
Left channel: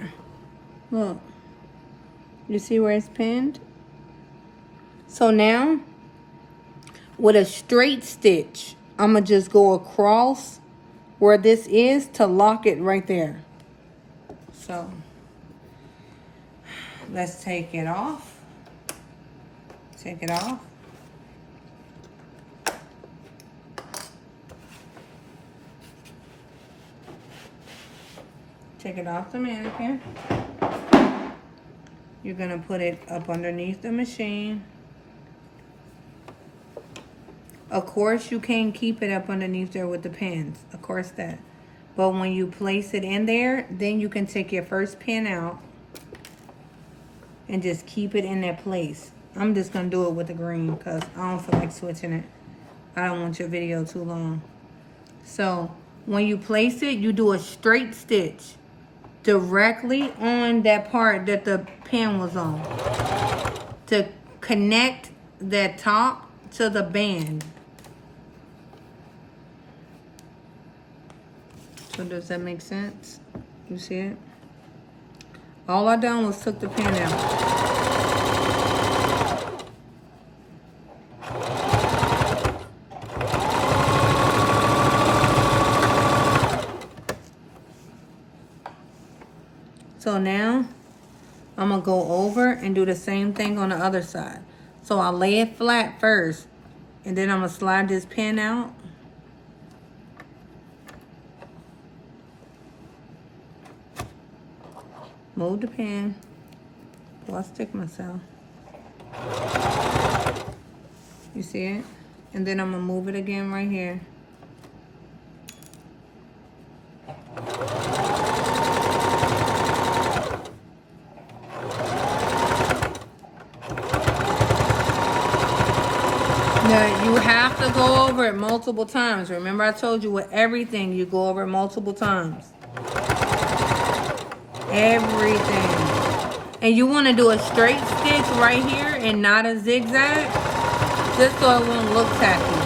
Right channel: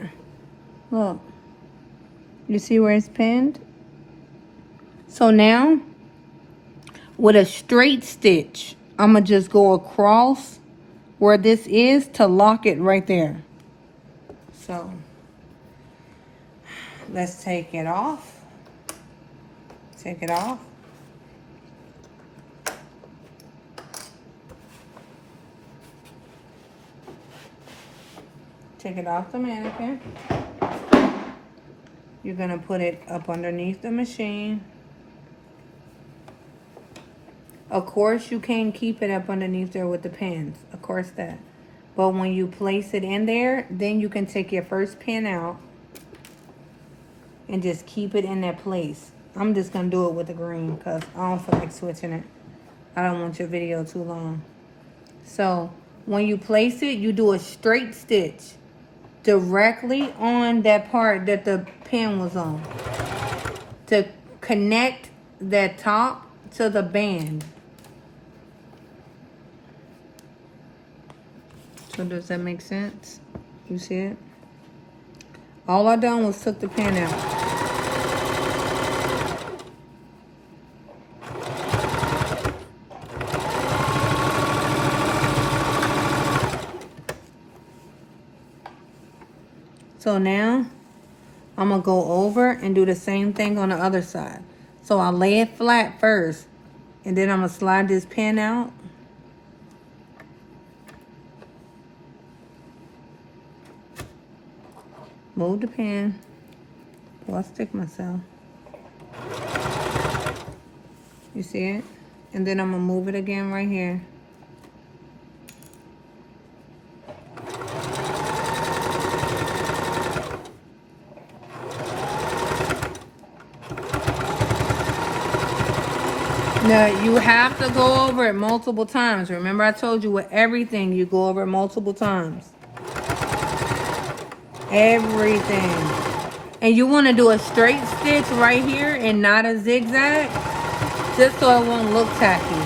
Look. You see where it's pinned? So now, with a straight stitch, I'm going to just go across where this is to lock it right there. So, let's take it off. Take it off. Take it off the mannequin. You're going to put it up underneath the machine. Of course, you can keep it up underneath there with the pins. Of course that. But when you place it in there, then you can take your first pin out and just keep it in that place. I'm just going to do it with the green because I don't feel like switching it. I don't want your video too long. So when you place it, you do a straight stitch directly on that part that the pin was on to connect that top to the band. So does that make sense? You see it? All I done was took the pin out. So now I'm gonna go over and do the same thing on the other side. So I'll lay it flat first, and then I'm gonna slide this pin out. Move the pin. Oh, I stick myself. You see it? And then I'm gonna move it again right here. Now, you have to go over it multiple times. Remember I told you with everything, you go over it multiple times. Everything. And you want to do a straight stitch right here and not a zigzag, just so it won't look tacky.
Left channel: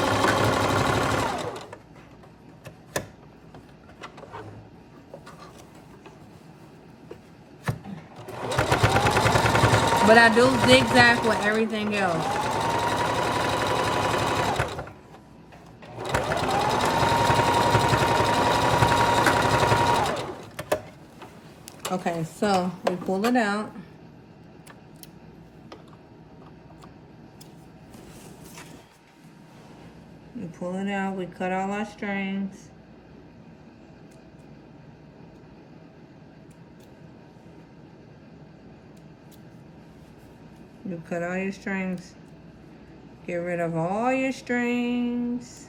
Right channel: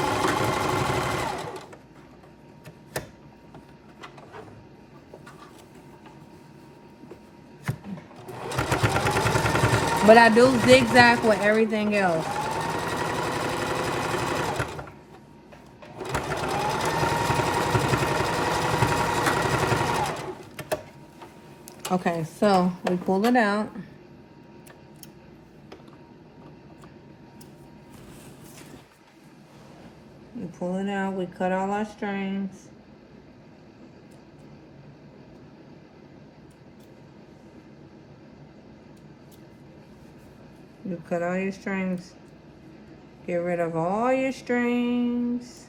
But I do zigzag with everything else. Okay, so we pull it out. We pull it out, we cut all our strings. You cut all your strings. Get rid of all your strings.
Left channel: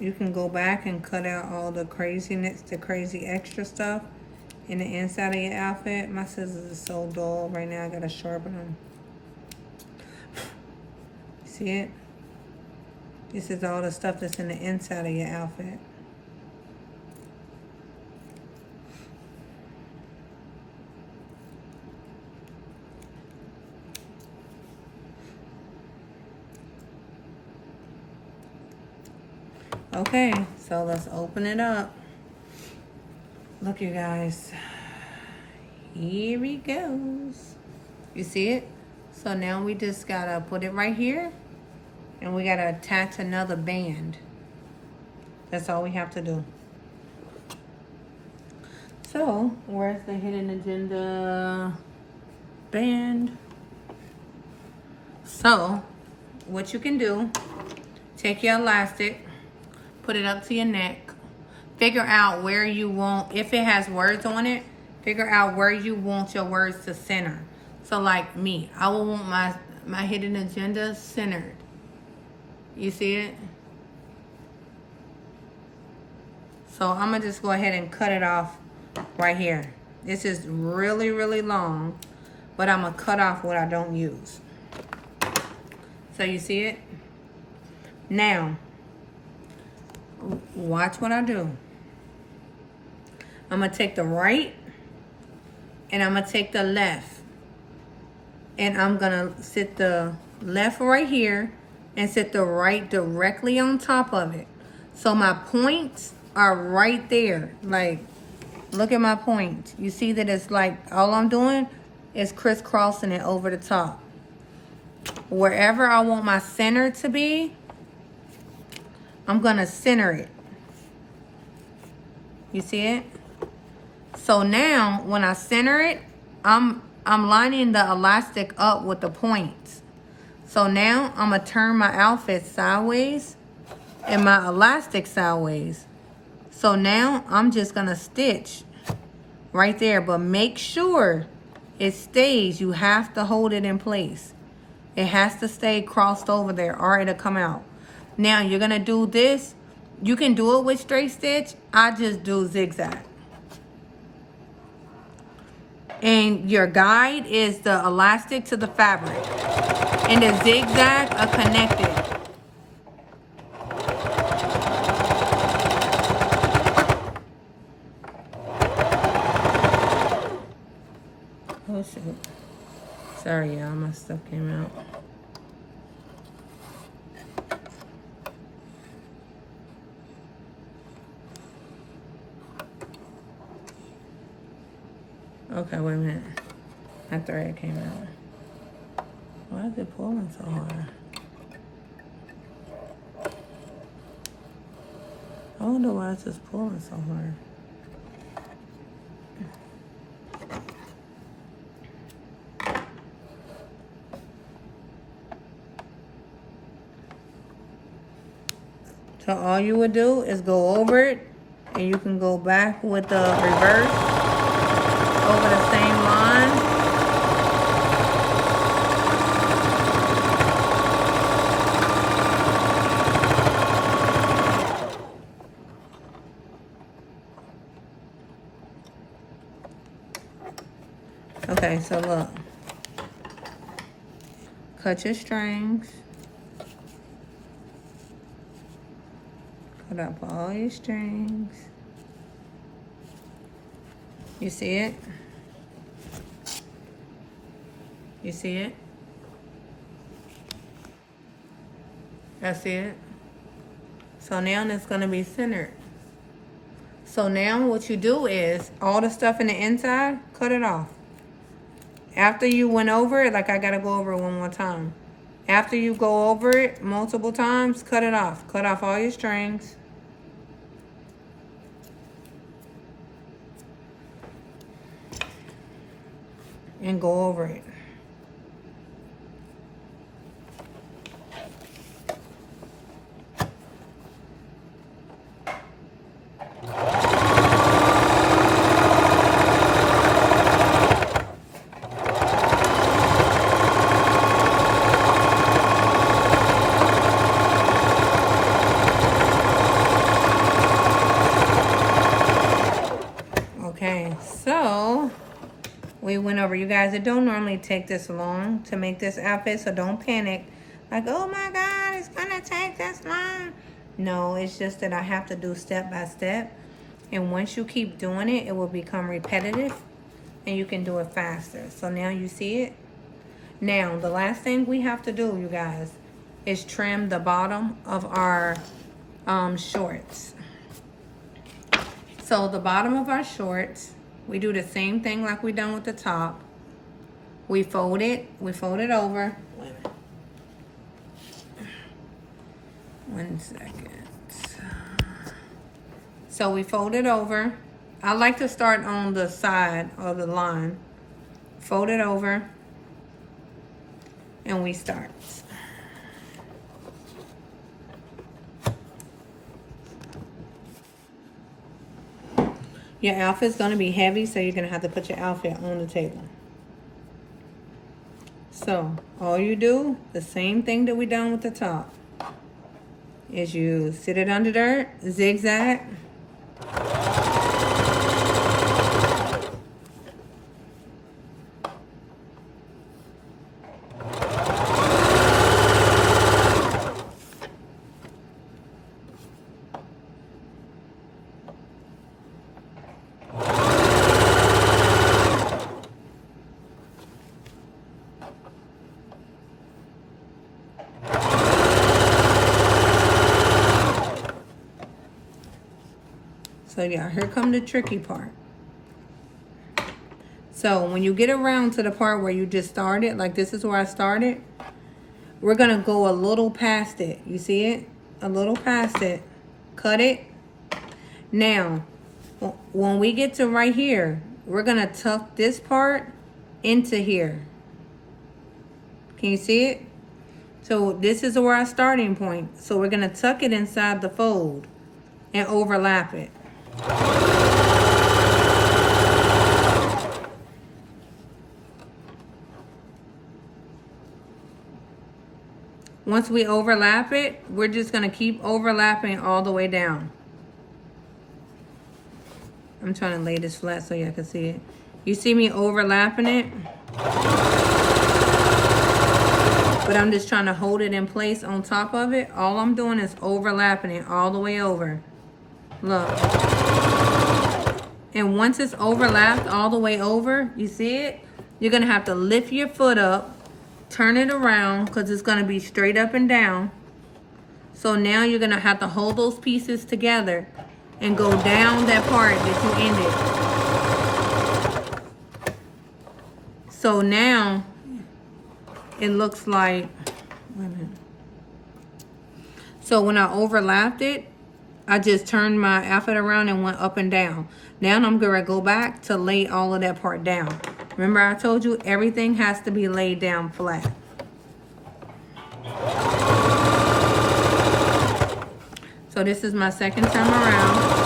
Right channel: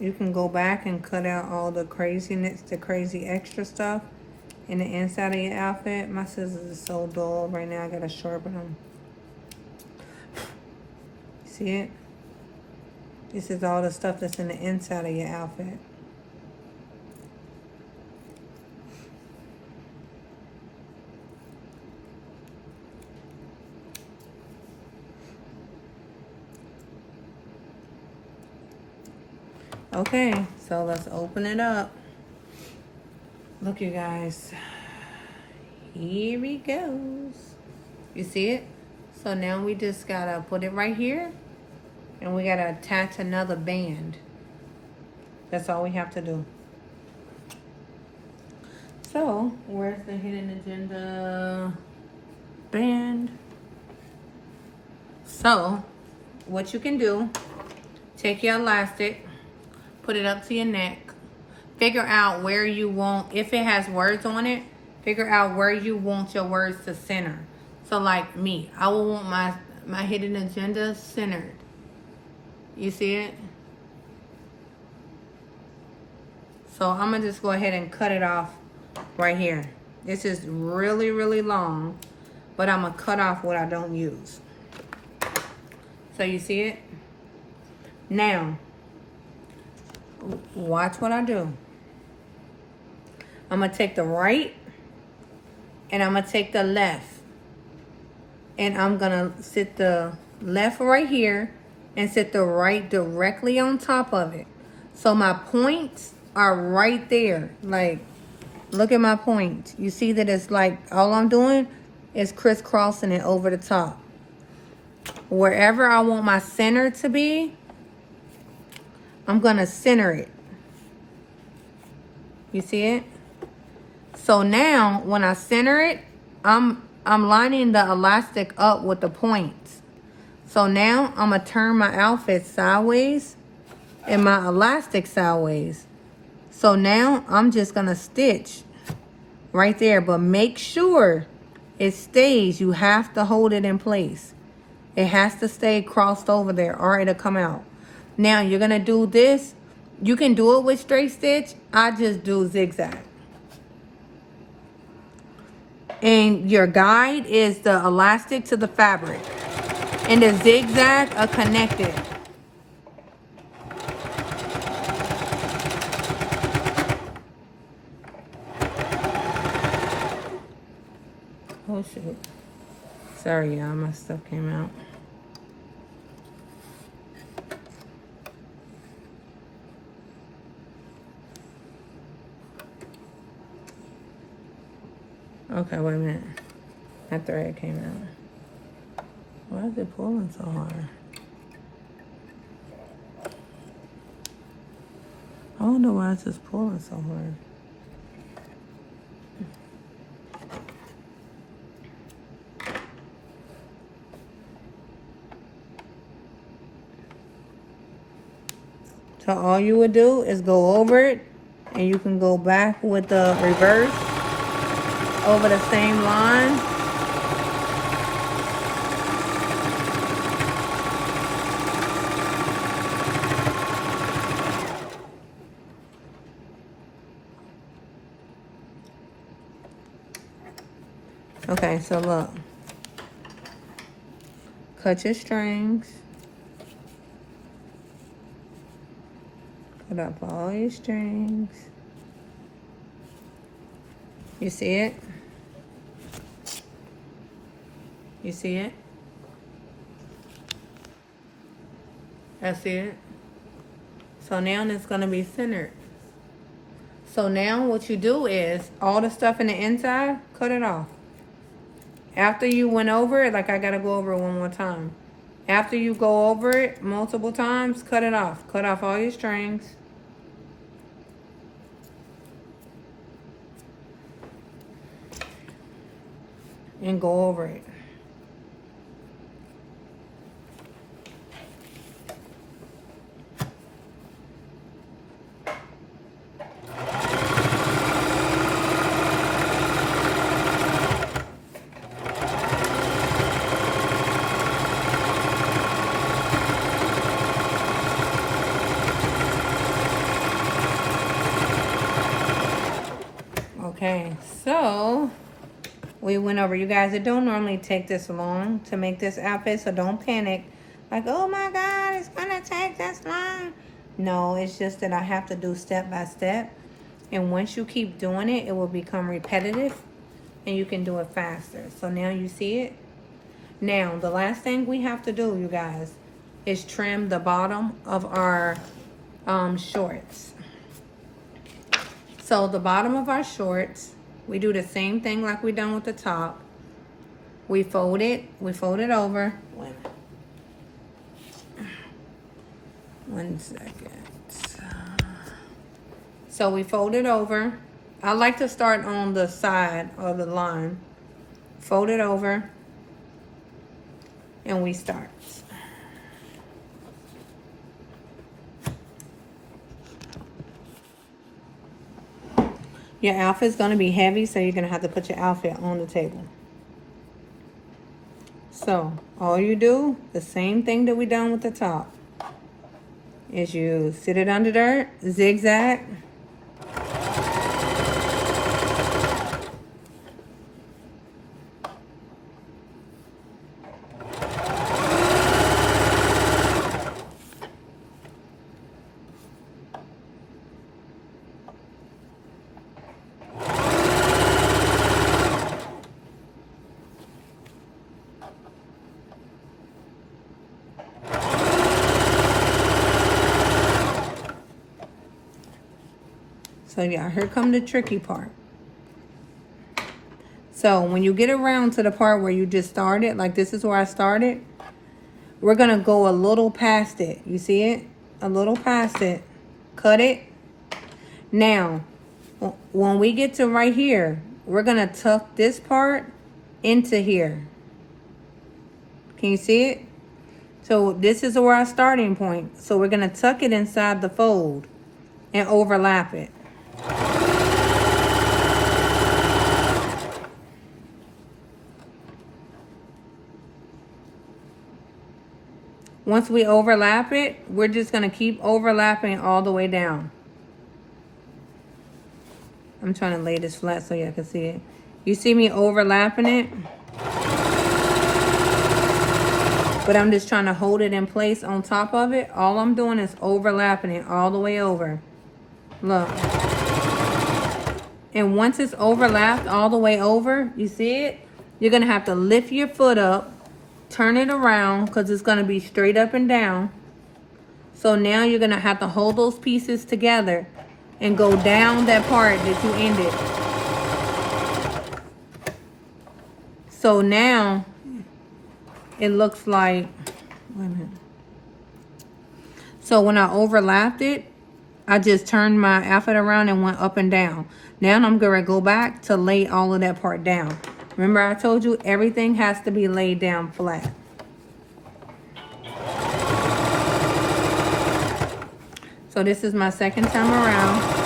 You can go back and cut out all the craziness, the crazy extra stuff in the inside of your outfit. My scissors are so dull right now. I gotta sharpen them. See it? This is all the stuff that's in the inside of your outfit. Okay, so let's open it up. Look, you guys. Here he goes. You see it? So now we just gotta put it right here, and we gotta attach another band. That's all we have to do. So, where's the hidden agenda band? So, what you can do, take your elastic, put it up to your neck, figure out where you want, if it has words on it, figure out where you want your words to center. So like me, I will want my hidden agenda centered. You see it? So I'm gonna just go ahead and cut it off right here. This is really, really long, but I'm gonna cut off what I don't use. So you see it? Now, watch what I do. I'm gonna take the right and I'm gonna take the left. And I'm gonna sit the left right here and sit the right directly on top of it. So my points are right there. Like, look at my points. You see that it's like, all I'm doing is crisscrossing it over the top. Wherever I want my center to be, I'm gonna center it. You see it? So now when I center it, I'm lining the elastic up with the points. So now I'm gonna turn my outfit sideways and my elastic sideways. So now I'm just gonna stitch right there, but make sure it stays. You have to hold it in place. It has to stay crossed over there or it'll come out. Now you're gonna do this. You can do it with straight stitch. I just do zigzag. And your guide is the elastic to the fabric. And the zigzag a connector. Oh shit. Sorry y'all, my stuff came out. Okay, wait a minute. My thread came out. Why is it pulling so hard? I wonder why it's just pulling so hard. So all you would do is go over it, and you can go back with the reverse over the same line. Okay, so look. Cut your strings. Cut up all your strings. You see it? You see it? That's it. So now it's going to be centered. So now what you do is, all the stuff in the inside, cut it off. After you went over it, like I got to go over it one more time. After you go over it multiple times, cut it off. Cut off all your strings. And go over it. Okay, so we went over. You guys, it don't normally take this long to make this outfit, so don't panic. Like, oh my God, it's gonna take this long. No, it's just that I have to do step by step. And once you keep doing it, it will become repetitive and you can do it faster. So now you see it. Now, the last thing we have to do, you guys, is trim the bottom of our shorts. So the bottom of our shorts, we do the same thing like we done with the top. We fold it over. One second. So we fold it over. I like to start on the side of the line. Fold it over. And we start. Your outfit's going to be heavy, so you're going to have to put your outfit on the table. So, all you do, the same thing that we done with the top, is you sit it under there, zigzag. So yeah, here come the tricky part. So when you get around to the part where you just started, like this is where I started, we're gonna go a little past it. You see it? A little past it. Cut it. Now, When we get to right here, we're gonna tuck this part into here. Can you see it? So this is our starting point. So we're gonna tuck it inside the fold and overlap it. Once we overlap it, we're just gonna keep overlapping all the way down. I'm trying to lay this flat so y'all can see it. You see me overlapping it? But I'm just trying to hold it in place on top of it. All I'm doing is overlapping it all the way over. Look. And once it's overlapped all the way over, you see it? You're gonna have to lift your foot up, turn it around, because it's gonna be straight up and down. So now you're gonna have to hold those pieces together and go down that part that you ended. So now it looks like, so when I overlapped it, I just turned my outfit around and went up and down. Now I'm gonna go back to lay all of that part down. Remember I told you everything has to be laid down flat. So this is my second time around.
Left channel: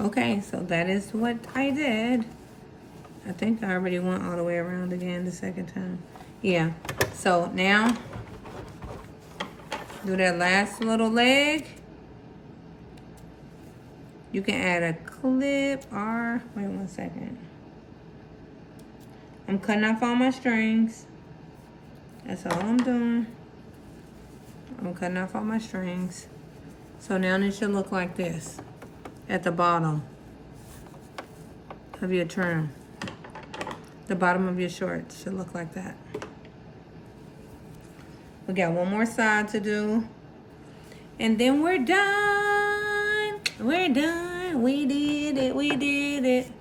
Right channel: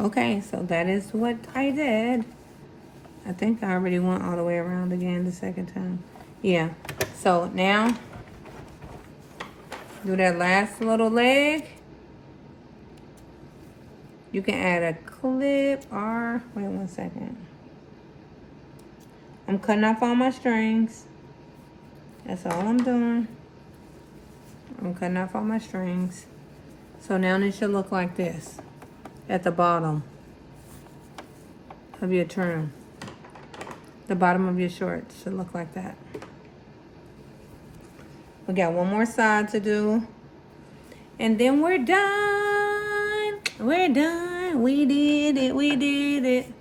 Okay, so that is what I did. I think I already went all the way around again the second time. Yeah, so now do that last little leg. You can add a clip or, wait 1 second. I'm cutting off all my strings. That's all I'm doing. I'm cutting off all my strings. So now it should look like this at the bottom of your trim. The bottom of your shorts should look like that. We got one more side to do. And then we're done. We're done. We did it. We did it.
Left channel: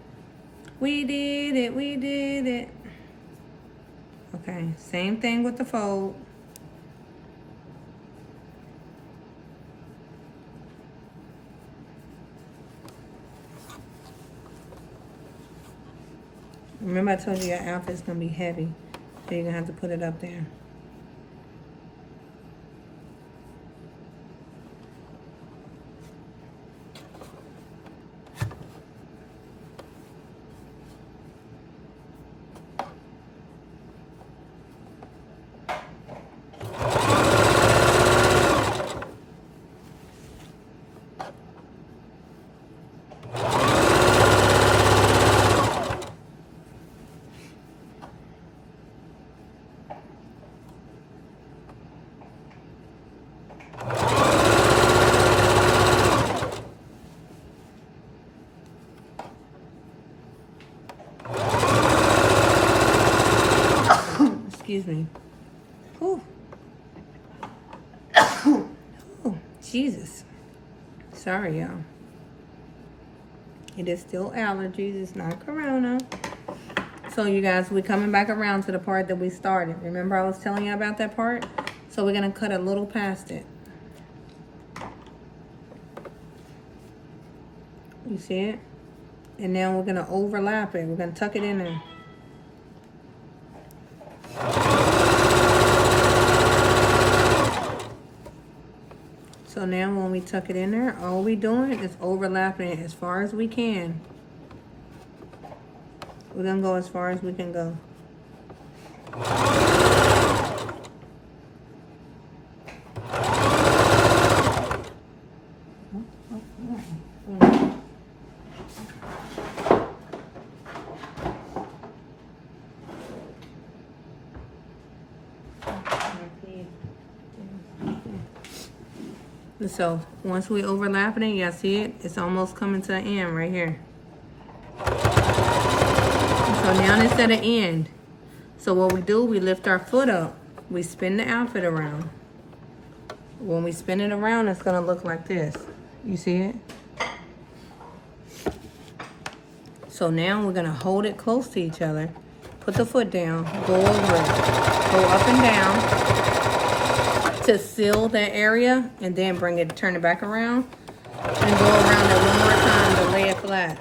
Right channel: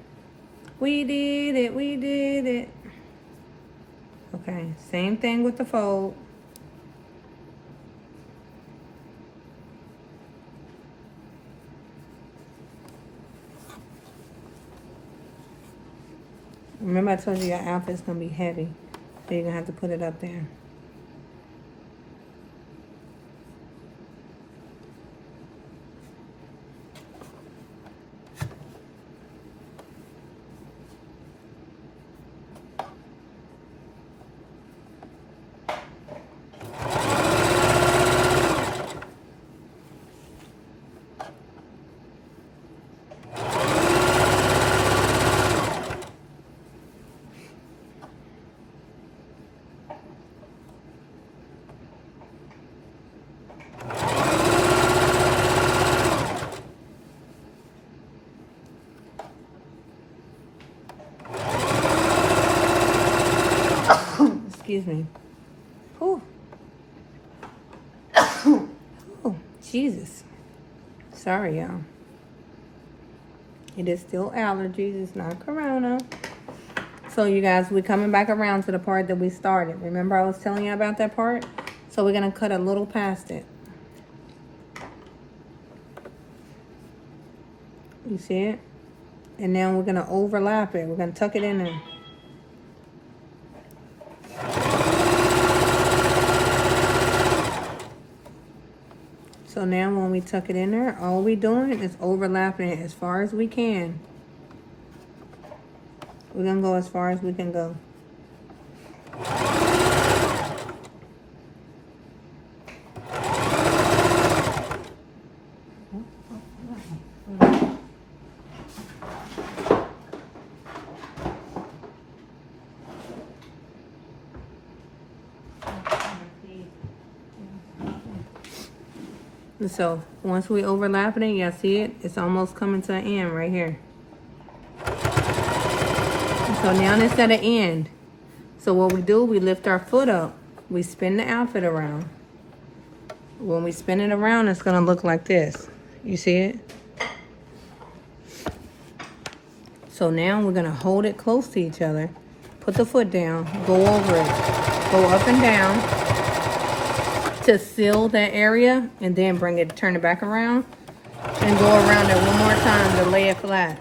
We did it. We did it. Okay, same thing with the fold. Remember I told you your outfit's gonna be heavy, so you're gonna have to put it up there. Excuse me. Whew. Oh, Jesus. Sorry, y'all. It is still allergies. It's not corona. So, you guys, we're coming back around to the part that we started. Remember I was telling you about that part? So, we're going to cut a little past it. You see it? And now we're going to overlap it. We're going to tuck it in there. So now when we tuck it in there, all we're doing is overlapping it as far as we can. We're going to go as far as we can go. And so once we overlap it, y'all see it? It's almost coming to the end right here. And so now it's at the end. So what we do, we lift our foot up. We spin the outfit around. When we spin it around, it's gonna look like this. You see it? So now we're gonna hold it close to each other. Put the foot down, go over it. Go up and down to seal that area, and then turn it back around, and go around it one more time to lay it flat.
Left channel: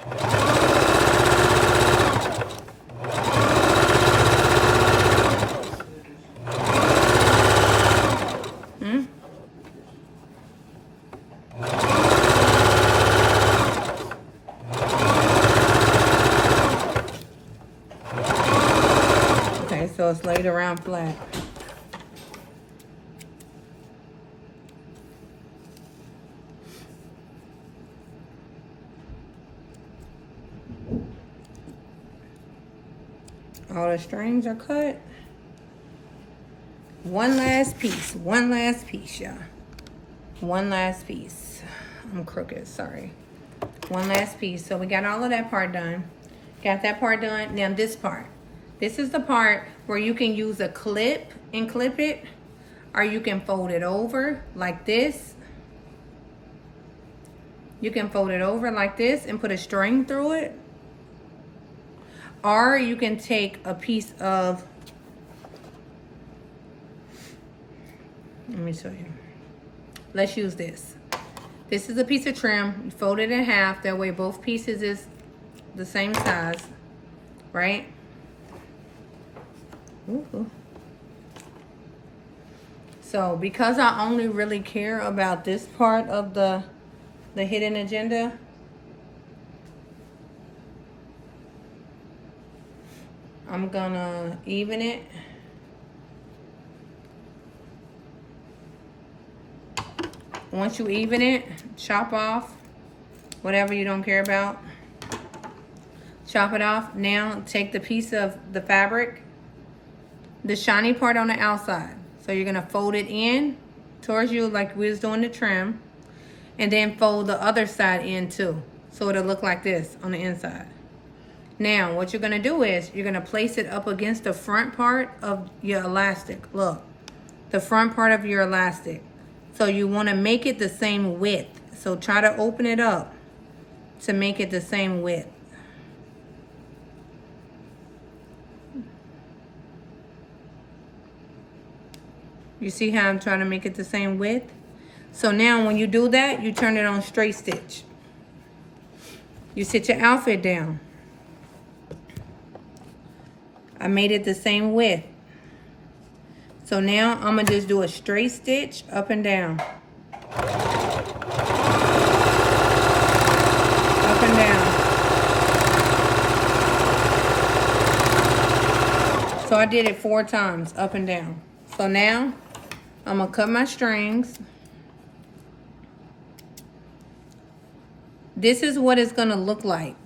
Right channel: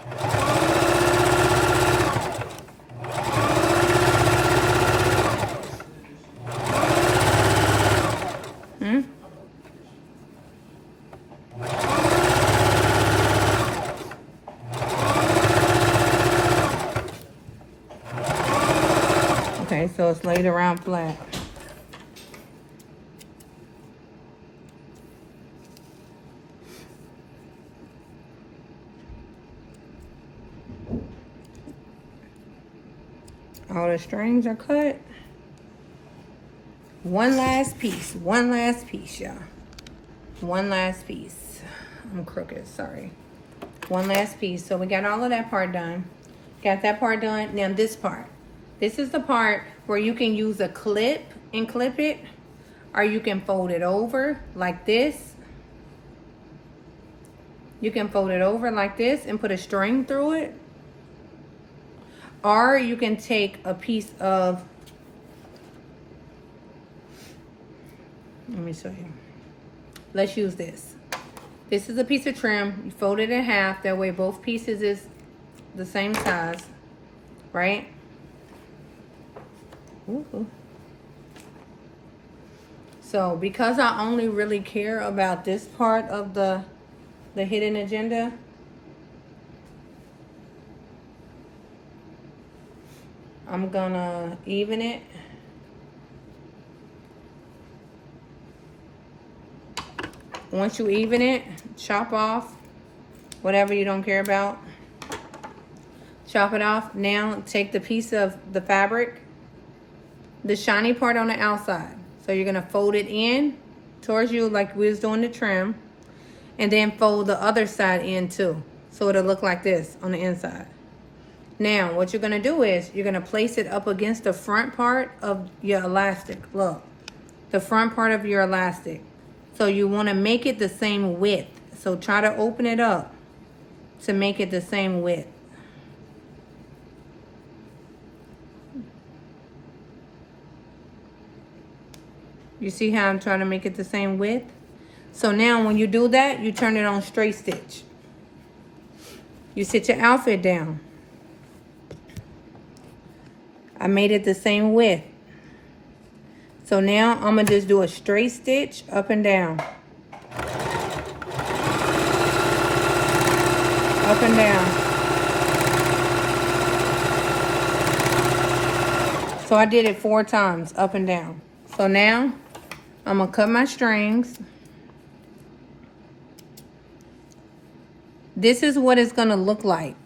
Okay, so it's laid around flat. All the strings are cut. One last piece, y'all. One last piece. I'm crooked, sorry. One last piece. So we got all of that part done. Got that part done. Now this part. This is the part where you can use a clip and clip it, or you can fold it over like this. You can fold it over like this and put a string through it. Or you can take a piece of, let me show you. Let's use this. This is a piece of trim. You fold it in half. That way both pieces is the same size, right? Ooh. So because I only really care about this part of the hidden agenda, I'm gonna even it. Once you even it, chop off whatever you don't care about. Chop it off. Now take the piece of the fabric, the shiny part on the outside. So you're gonna fold it in towards you like we was doing the trim, and then fold the other side in too. So it'll look like this on the inside. Now, what you're gonna do is you're gonna place it up against the front part of your elastic. Look, the front part of your elastic. So you wanna make it the same width. So try to open it up to make it the same width. You see how I'm trying to make it the same width? So now when you do that, you turn it on straight stitch. You sit your outfit down. I made it the same width. So now I'm gonna just do a straight stitch up and down. Up and down. So I did it 4 times, up and down. So now I'm gonna cut my strings. This is what it's gonna look like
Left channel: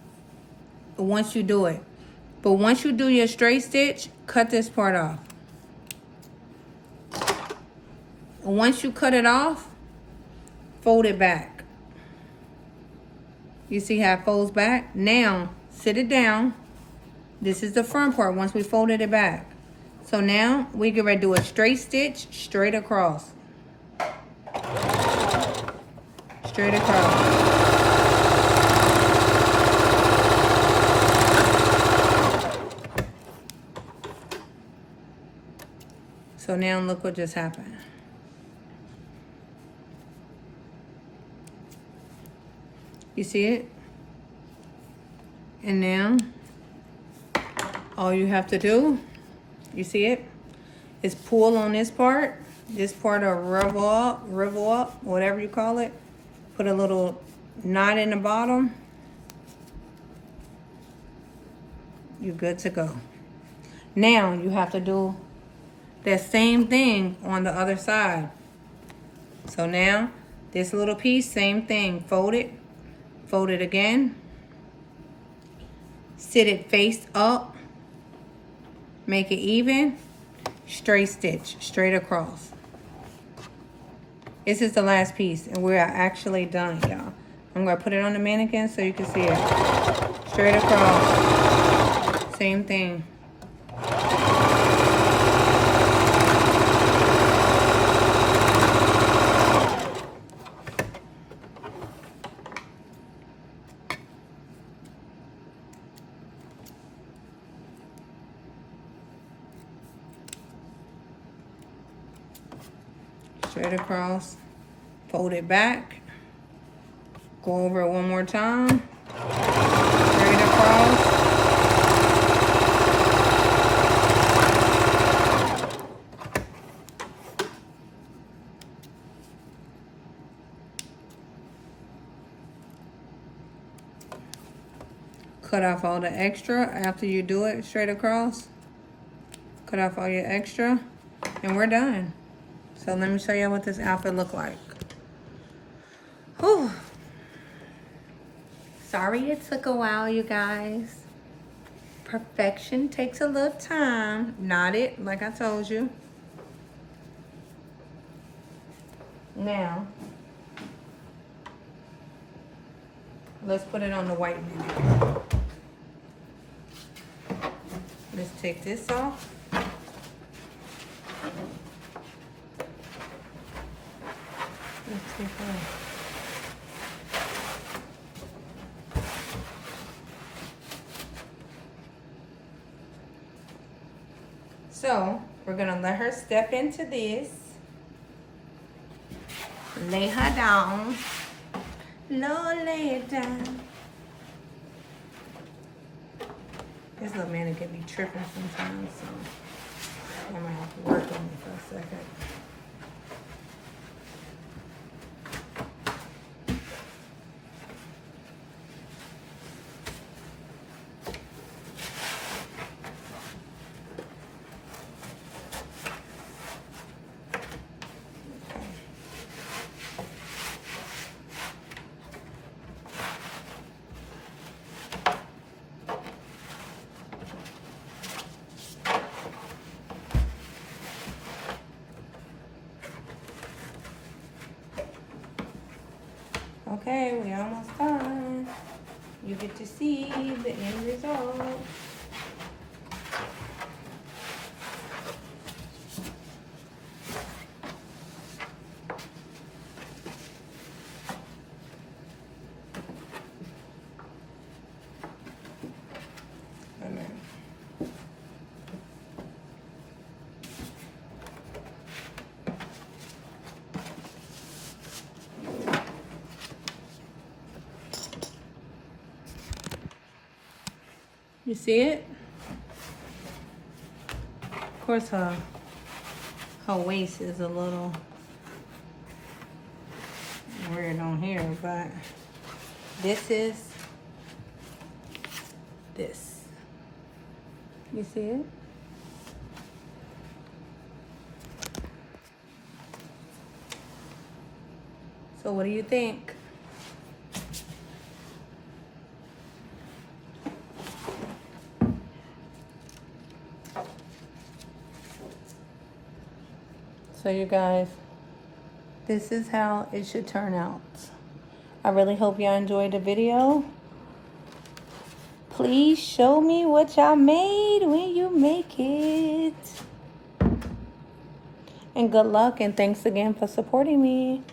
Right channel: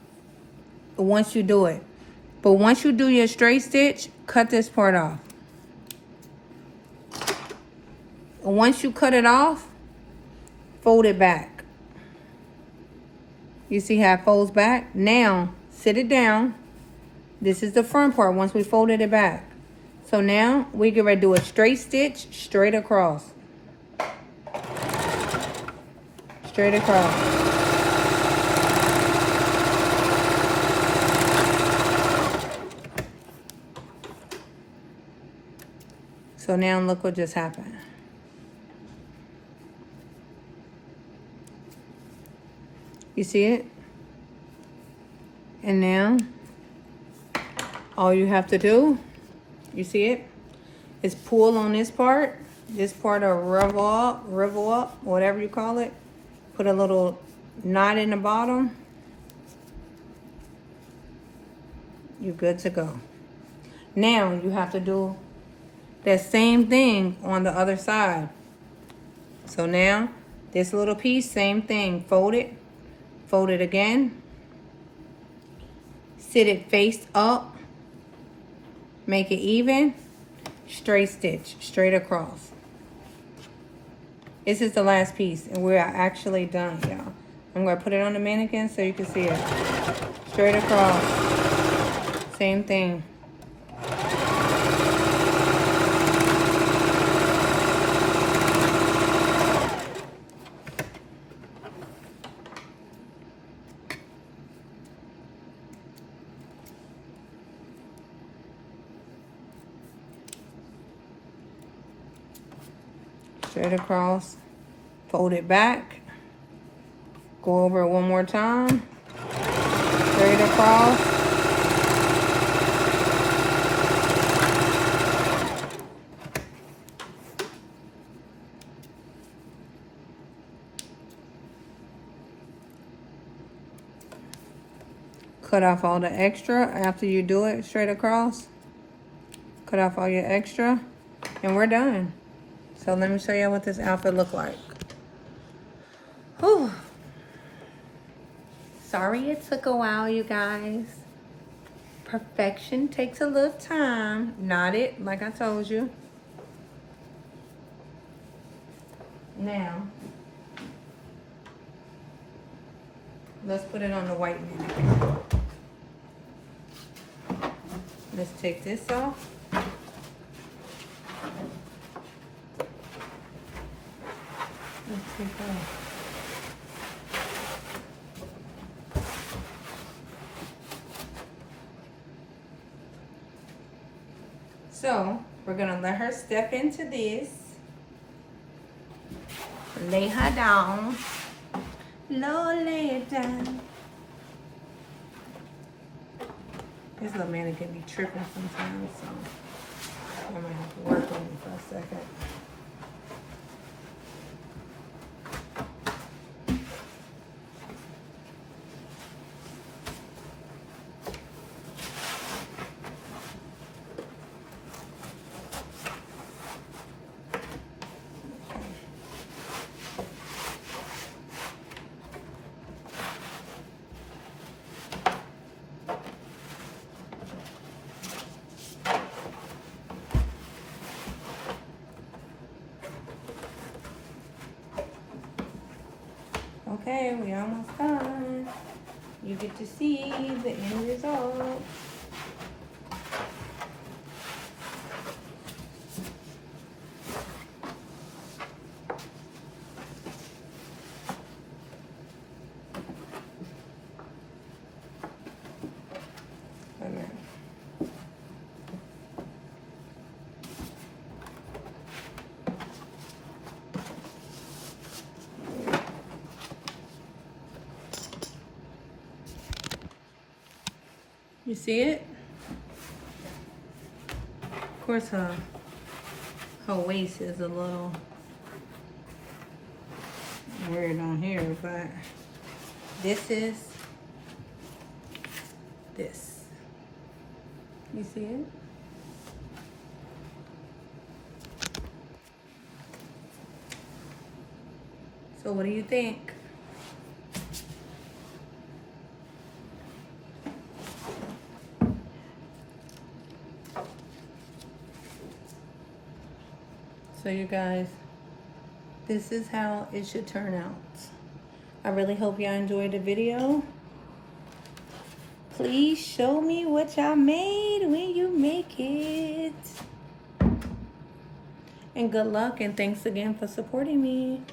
once you do it. But once you do your straight stitch, cut this part off. And once you cut it off, fold it back. You see how it folds back? Now, sit it down. This is the front part once we folded it back. So now, we get ready to do a straight stitch straight across. Straight across. So now look what just happened. You see it? And now, all you have to do, you see it, is pull on this part of rivel up, whatever you call it. Put a little knot in the bottom. You're good to go. Now you have to do that same thing on the other side. So now, this little piece, same thing. Fold it again. Sit it face up. Make it even. Straight stitch, straight across. This is the last piece, and we're actually done, y'all. I'm gonna put it on the mannequin so you can see it. Straight across. Same thing. Straight across, fold it back, go over it one more time, straight across. Cut off all the extra after you do it straight across. Cut off all your extra, and we're done. So let me show you what this outfit look like. Whew. Sorry it took a while, you guys. Perfection takes a little time. Knot it, like I told you. Now, let's put it on the white mannequin. Let's take this off. Let's take off. So, we're gonna let her step into this. Lay her down. Lord, lay it down. This little mannequin be tripping sometimes, so I might have to work on it for a second. Okay, we almost done. You get to see the end result. You see it? Of course, her waist is a little weird on here, but this is this. You see it? So what do you think? So you guys, this is how it should turn out. I really hope y'all enjoyed the video. Please show me what y'all made when you make it. And good luck, and thanks again for supporting me.